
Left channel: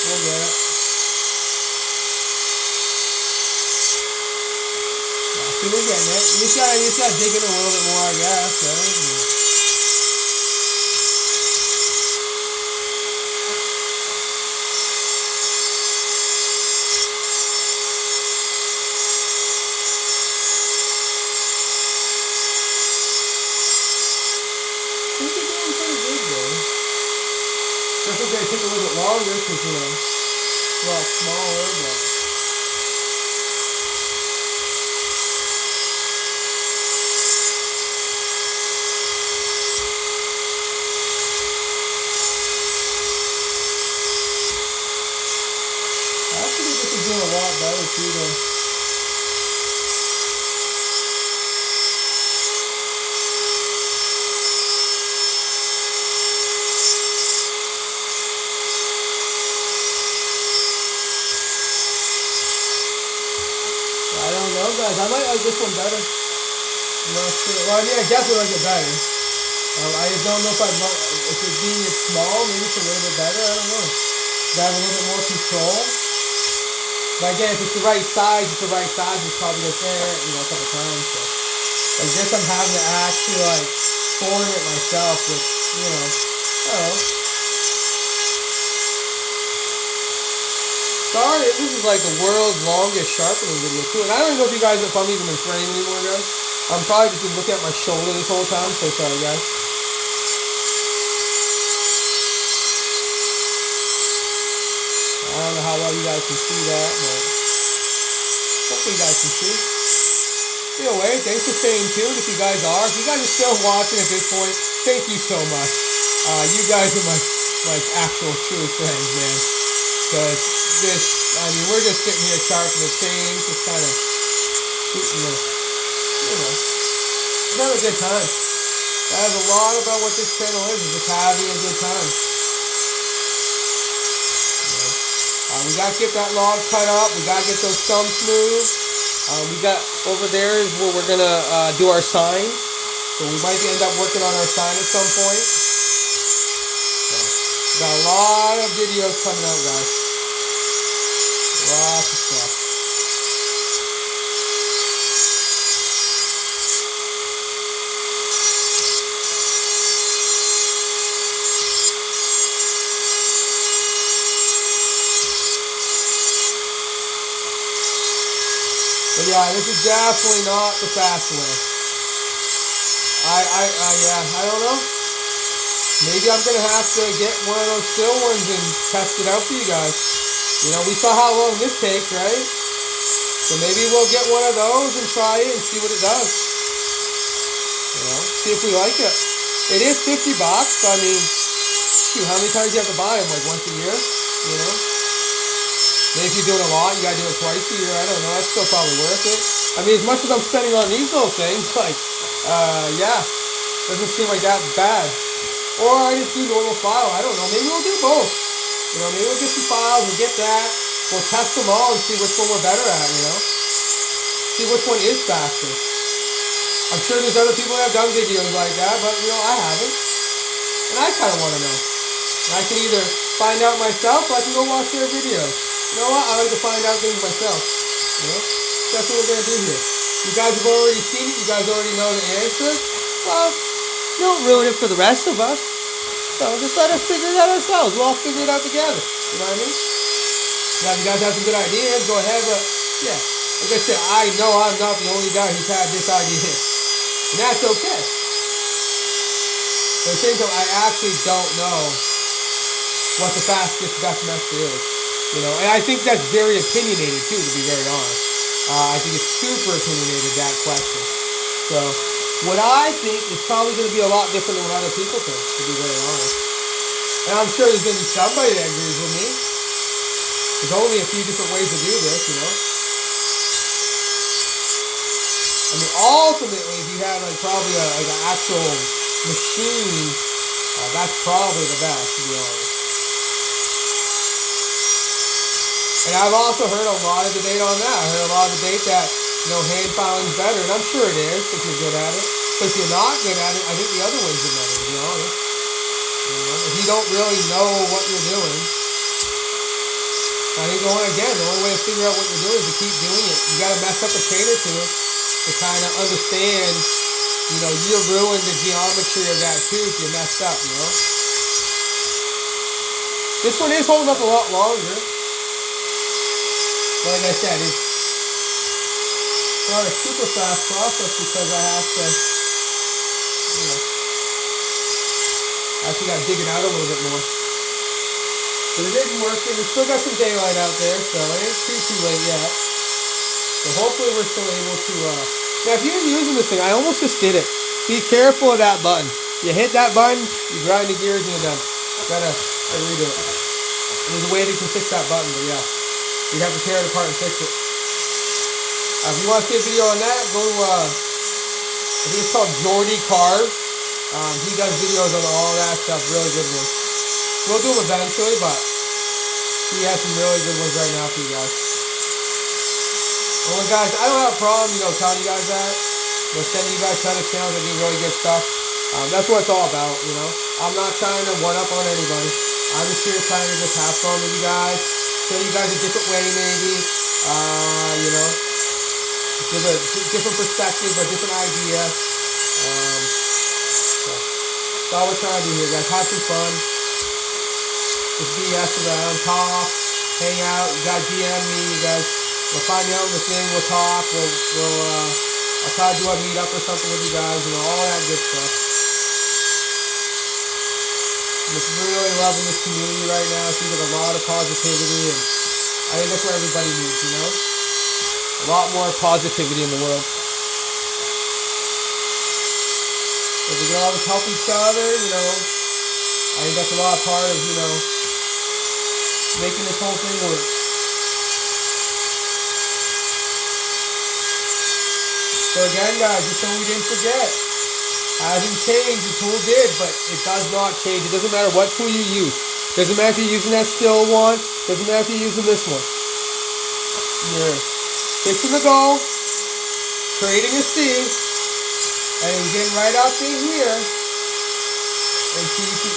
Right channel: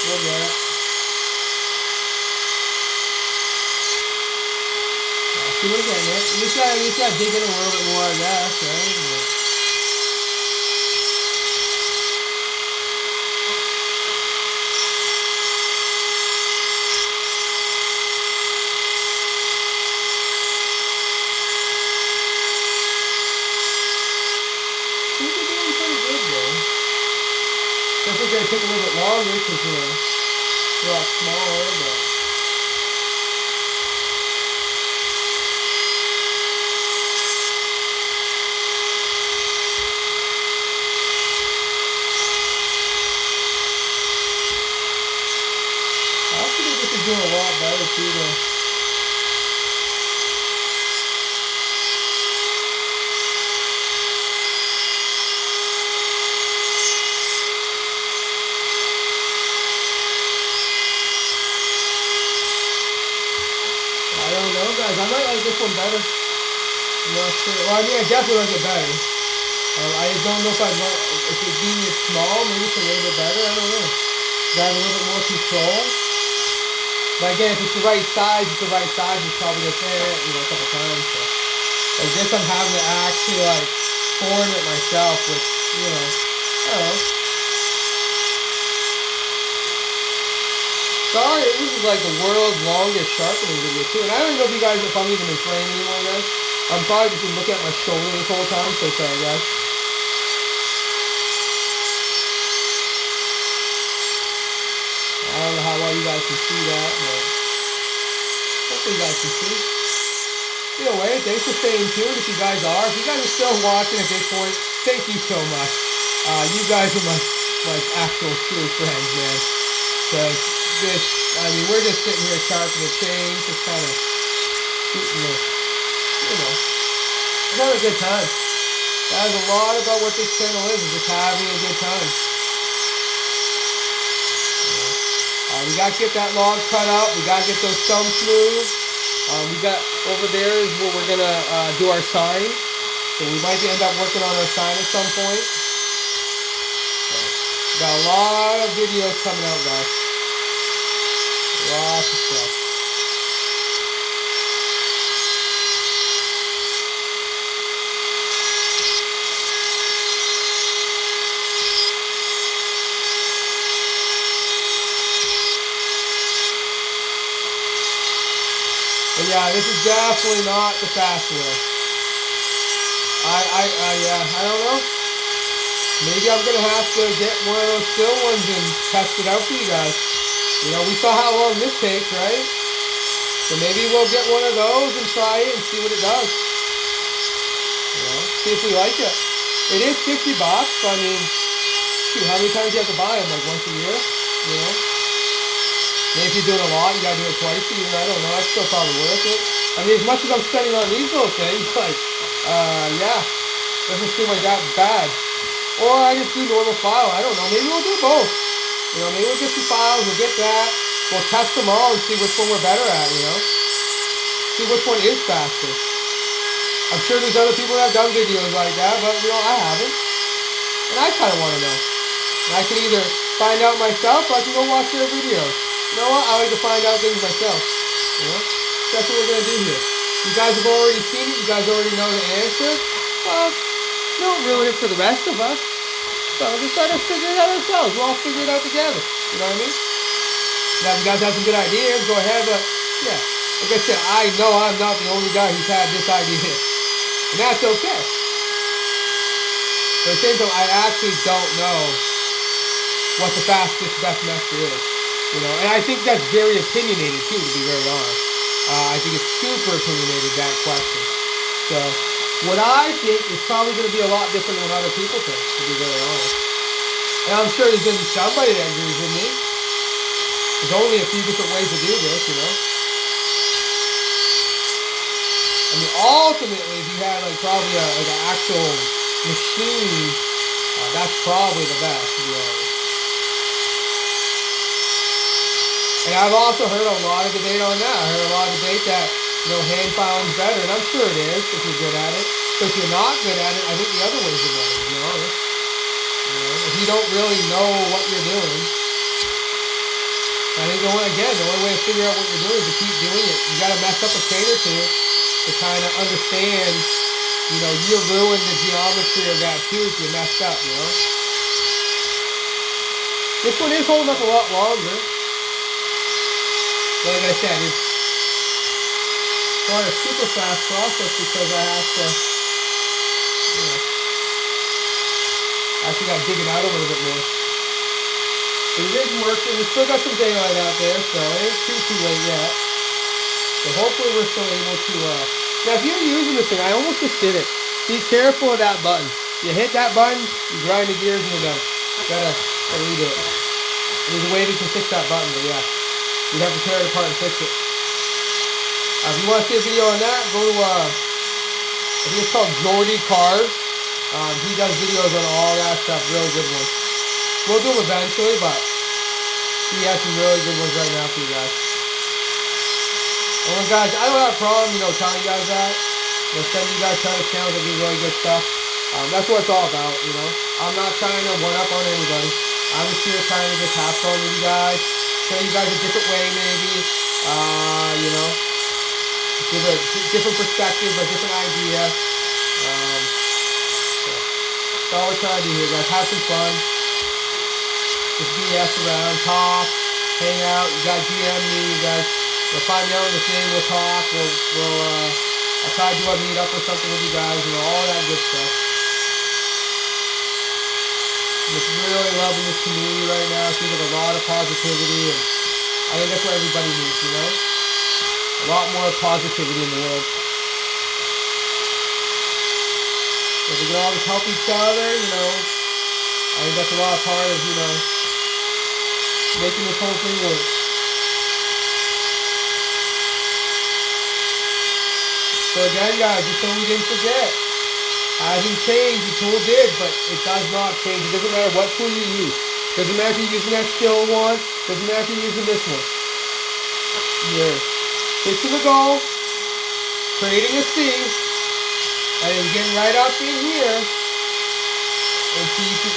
we'll get it. See, we're getting it. You just gotta dig in a little bit more, I guess, right? Yeah. I think we're doing pretty good, though. Definitely gonna take a little bit longer because, you know, it's a lot smaller, but. Actually, this is doing a lot better too, though. I don't know, guys. I might like this one better. I'm not sure. Well, I mean, I definitely like it better. I just don't know if I'd like, if it's being small, maybe it's a little bit better. I don't know. I have a little bit more control. But again, if it's the right size, it's the right size. It's probably gonna fit, you know, a couple times. So, like this, I'm having to actually like form it myself, which, you know, I don't know. Sorry, this is like the world's longest sharpening video too, and I don't even know if I'm even in frame anymore, guys. I'm probably just been looking at my shoulder this whole time, so sorry, guys. I don't know how well you guys can see that, but hopefully you guys can see. Either way, thanks for staying tuned if you guys are. If you guys are still watching at this point, thank you so much. You guys are my actual true friends, man. Because this, I mean, we're just sitting here sharpening the chains, just kind of shooting the, you know, having a good time. That is a lot about what this channel is just having a good time. We got to get that log cut up. We got to get those thumbs smooth. We got over there is where we're going to do our sign. So we might end up working on our sign at some point. So, got a lot of videos coming out, guys. Lots of stuff. But yeah, this is definitely not the fast way. I don't know. Maybe I'm gonna have to get one of those still ones and test it out for you guys. You know, we saw how long this takes, right? So maybe we'll get one of those and try it and see what it does. You know, see if we like it. It is $50, so I mean, shoot, how many times do you have to buy them? Like once a year, you know? Maybe if you're doing a lot, you gotta do it twice a year. I don't know. That's still probably worth it. I mean, as much as I'm spending on these little things, like, yeah, doesn't seem like that bad. Or I just do normal file. I don't know. Maybe we'll do both. You know, maybe we'll get some files. We'll get that. We'll test them all and see which one we're better at, you know. See which one is faster. I'm sure there's other people that have done videos like that, but, you know, I haven't. And I kind of want to know. And I can either find out myself or I can go watch their videos. You know what? I like to find out things myself. You know? That's what we're going to do here. You guys have already seen it. You guys already know the answer. Well, don't ruin it for the rest of us. So just let us figure it out ourselves. We'll all figure it out together. You know what I mean? Now, if you guys have some good ideas, go ahead. But, yeah, like I said, I know I'm not the only guy who's had this idea. And that's okay. But at the same time, I actually don't know what the fastest, best method is. You know, and I think that's very opinionated, too, to be very honest. I think it's super opinionated, that question. So, what I think is probably going to be a lot different than what other people think, to be very honest. And I'm sure there's going to be somebody that agrees with me. There's only a few different ways to do this, you know. I mean, ultimately, if you had like probably like an actual machine, that's probably the best, to be honest. And I've also heard a lot of debate on that. I heard a lot of debate that, you know, hand filing's better, and I'm sure it is if you're good at it. But if you're not good at it, I think the other ways are better, to be honest. You know, if you don't really know what you're doing, I think the only way to figure out what you're doing is to keep doing it. You got to mess up a train or two to kind of understand, you know, you ruined the geometry of that too if you messed up, you know. This one is holding up a lot longer. Like I said, it's not a super fast process because I have to, you know, I actually got to dig it out a little bit more. But it is working. We still got some daylight out there, so it ain't too late yet. So hopefully we're still able to, now if you're using this thing, I almost just did it. Be careful of that button. You hit that button, you grind the gears and you're done. Gotta redo it. There's a way that you can fix that button, but yeah. You'd have to tear it apart and fix it. If you want to see a video on that, go to, I think it's called Jordy Cars. He does videos on all that stuff, really good ones. We'll do them eventually, but he has some really good ones right now for you guys. Well, guys, I don't have a problem, you know, telling you guys that. You know, sending you guys tons of channels that do really good stuff. That's what it's all about, you know. I'm not trying to one-up on anybody. I'm just here trying to just have fun with you guys. Show you guys a different way, maybe. You know, give a different perspective, a different idea. So that's all we're trying to do here, guys. Have some fun. Just BS around, talk, hang out. You guys DM me. You guys will find me out on the thing. We'll talk. I'll try to do a meetup or something with you guys. You know, all that good stuff. I'm just really loving this community right now. Seems like a lot of positivity, and I think that's what everybody needs, you know? A lot more positivity in the world. If we can all just help each other, you know, I think that's a lot of part of, you know, making this whole thing work. So again, guys, just so we didn't forget, hasn't changed, the tool did, but it does not change. It doesn't matter what tool you use. Doesn't matter if you're using that still one, doesn't matter if you're using this one. You're fixing the goal, creating a C, and then getting right up in here, and so you can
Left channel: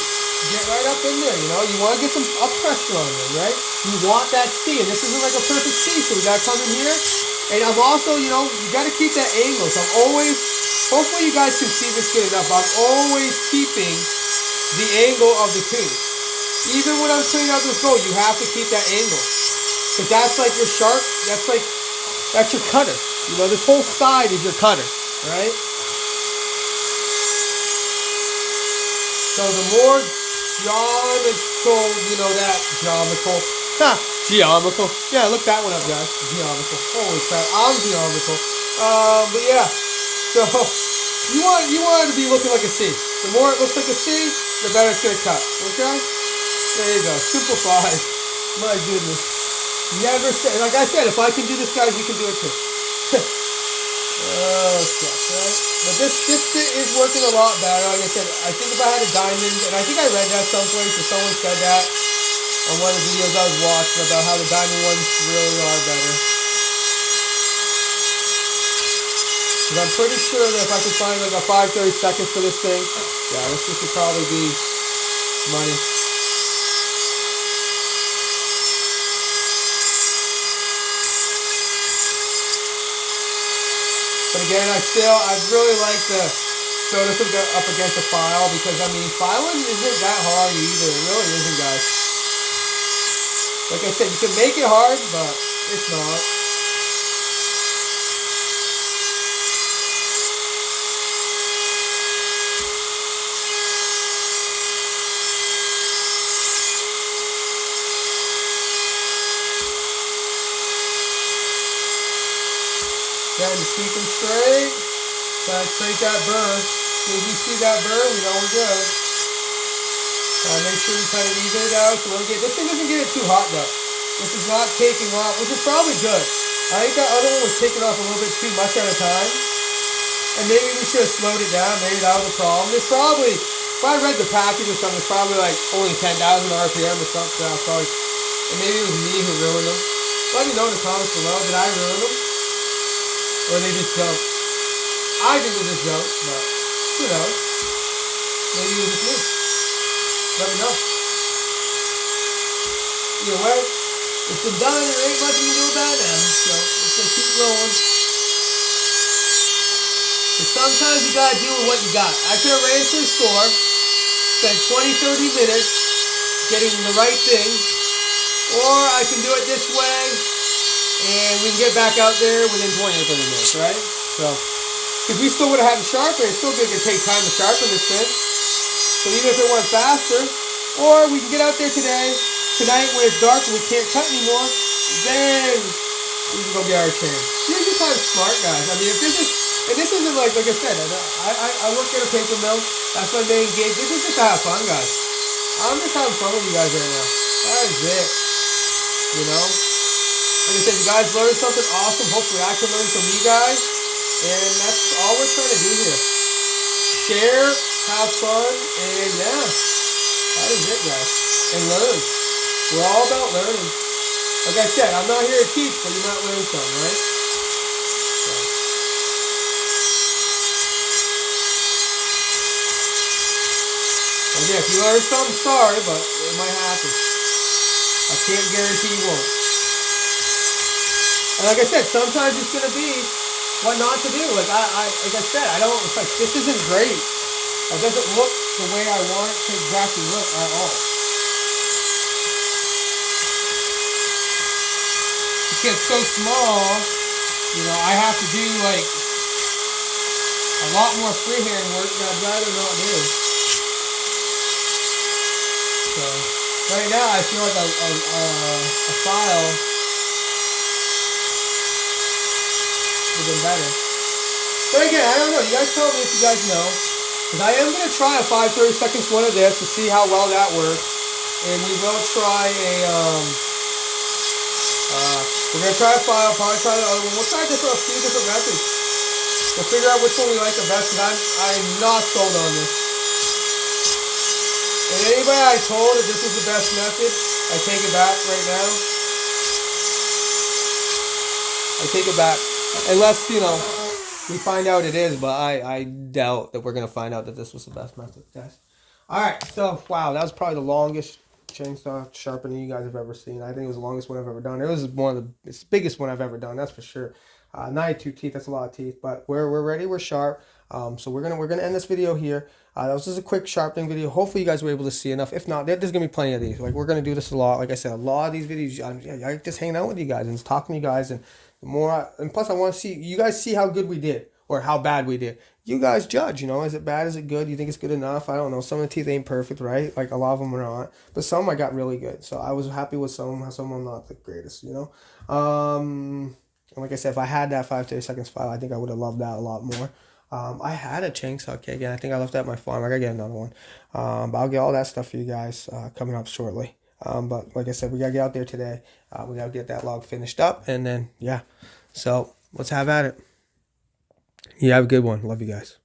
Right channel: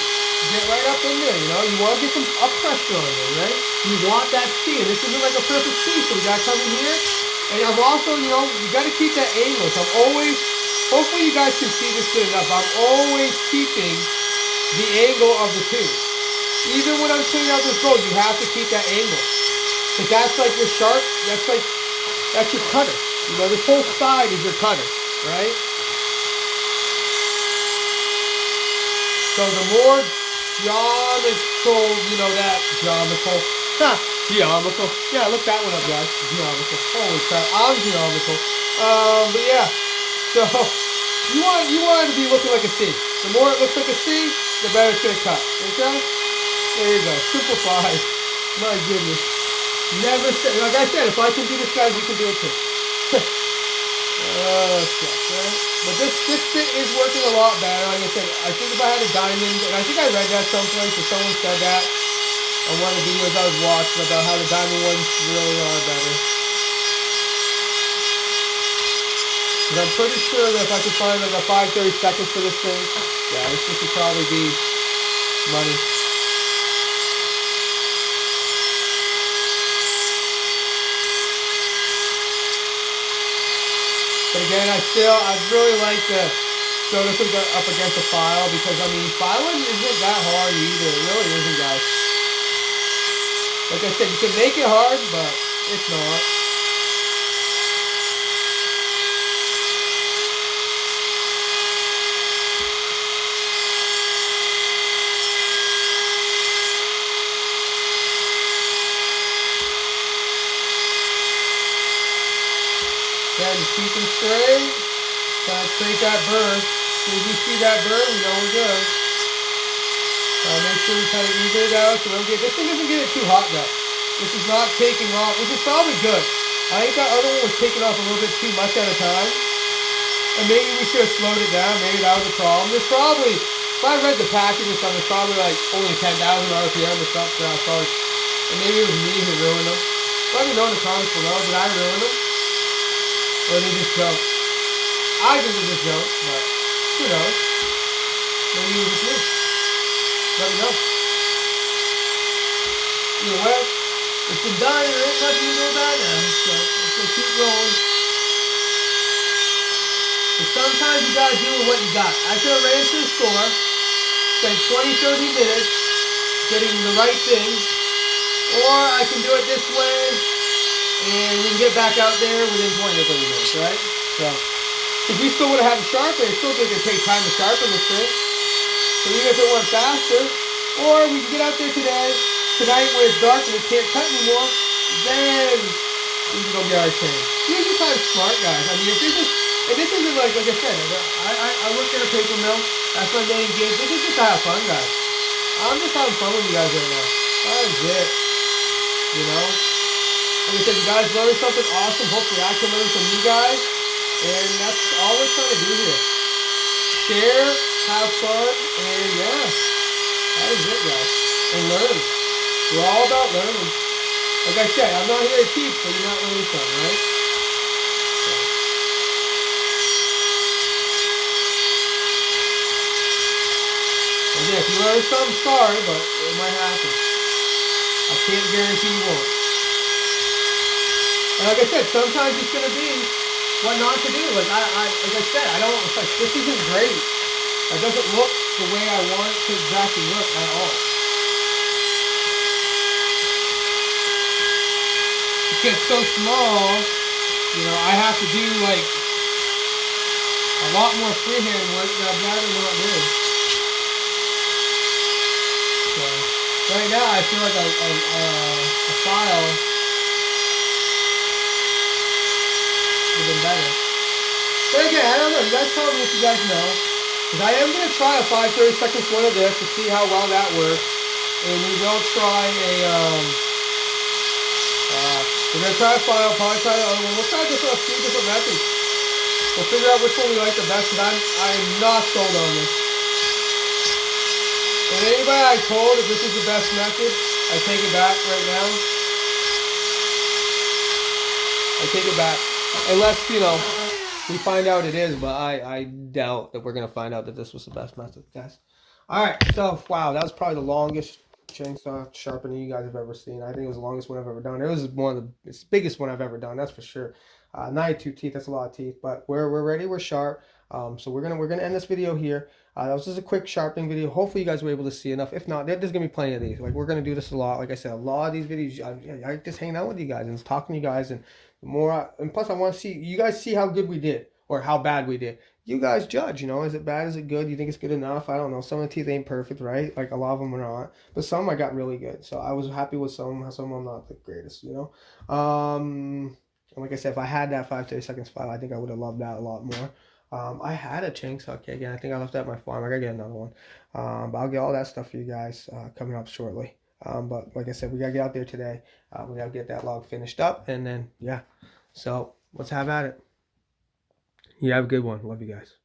get right up in there, you know? You want to get some up pressure on there, right? You want that C, and this isn't like a perfect C, so we got to come in here, and I'm also, you know, you got to keep that angle, so I'm always, hopefully you guys can see this good enough, I'm always keeping the angle of the tube. Even when I'm cleaning out this bowl, you have to keep that angle. Because that's like your sharp, that's your cutter. You know, this whole side is your cutter, right? So the more geometrical, you know, geometrical. Yeah, look that one up, guys. Geometrical. Holy crap, I'm geometrical. But yeah, so you want it to be looking like a C. The more it looks like a C, the better it's gonna cut. Okay? There you go. Simplified. My goodness. Never say, like I said, if I can do this, guys, you can do it too. Right? But this bit is working a lot better. Like I said, I think if I had a diamond, and I think I read that someplace, or someone said that on one of the videos I was watching about how the diamond ones really are better. Because I'm pretty sure that if I could find like a 5-30 seconds for this thing, yeah, this would probably be money. But again, I'd really like to throw this up against a file because, I mean, filing isn't that hard either. It really isn't, guys. Like I said, you can make it hard, but it's not. Again, just keep them straight. Try to create that burn. As soon as you see that burn, we know we're good. Make sure we kind of even it out so we don't get. This thing doesn't get it too hot though. This is not taking off, which is probably good. I think that other one was taking off a little bit too much at a time. And maybe we should have slowed it down. Maybe that was the problem. There's probably, if I read the package or something, it's probably like only 10,000 RPM or something. And maybe it was me who ruined them. Let me know in the comments below. Did I ruin them? Or they just jumped? I think it was just jumped, but who knows? Maybe it was just me. Let me know. Either way, it's been done and there ain't much you can do about it now. So let's just keep rolling. And sometimes you gotta deal with what you got. I could have ran to the store, spent 20-30 minutes getting the right thing, or I can do it this way and we can get back out there within 20 or 30 minutes, right? So, if we still would have had to sharpen, it still think it'd take time to sharpen this thing. So even if it went faster, or we can get out there tonight when it's dark and we can't cut anymore, then we can go get our chain. Use your time smart, guys. I mean, if this is, and this isn't like I said, I work at a paper mill. That's my main gig. This is just to have fun, guys. I'm just having fun with you guys right now. That is it. You know? Like I said, you guys learned something awesome. Hopefully I can learn from you guys. And that's all we're trying to do here. Share, have fun, and yeah. That is it, guys. And learn. We're all about learning. Like I said, I'm not here to teach, but you might learn something, right? So. Again, if you learn something, sorry, but it might happen. I can't guarantee you won't. And like I said, sometimes it's going to be what not to do. Like I said, I don't, it's like, this isn't great. It doesn't look the way I want it to exactly look at all. It gets so small, you know, I have to do like a lot more freehand work that I'd rather not do. So, right now I feel like a file would have been better. But again, I don't know. You guys tell me if you guys know. Because I am going to try a 5-30 seconds one of this to see how well that works. And we will try we're going to try a file, probably try the other one. We'll try a few different methods. We'll figure out which one we like the best. Because I'm not sold on this. And anybody I told that this was the best method, I take it back right now. I take it back. Unless, you know, we find out it is, but I doubt that we're going to find out that this was the best method, guys. Alright, so, wow, that was probably the longest chainsaw sharpening you guys have ever seen. I think it was the longest one I've ever done. It was one of the biggest one I've ever done, that's for sure. 92 teeth, that's a lot of teeth, but we're ready, we're sharp. So we're gonna end this video here. That was just a quick sharpening video. Hopefully you guys were able to see enough. If not, there's gonna be plenty of these. Like, we're gonna do this a lot. Like I said, a lot of these videos, I just hanging out with you guys and talking to you guys, and more. And plus, I want to see you guys see how good we did or how bad we did. You guys judge. You know, is it bad? Is it good? You think it's good enough? I don't know. Some of the teeth ain't perfect, right? Like, a lot of them are not, but some I got really good. So I was happy with some of them not the greatest. You know. And like I said, if I had that 5-30 seconds file, I think I would have loved that a lot more. I had a chainsaw kit again. I think I left that at my farm. I gotta get another one. But I'll get all that stuff for you guys coming up shortly. But like I said, we gotta get out there today. We gotta get that log finished up, and then yeah. So let's have at it. You have a good one. Love you guys.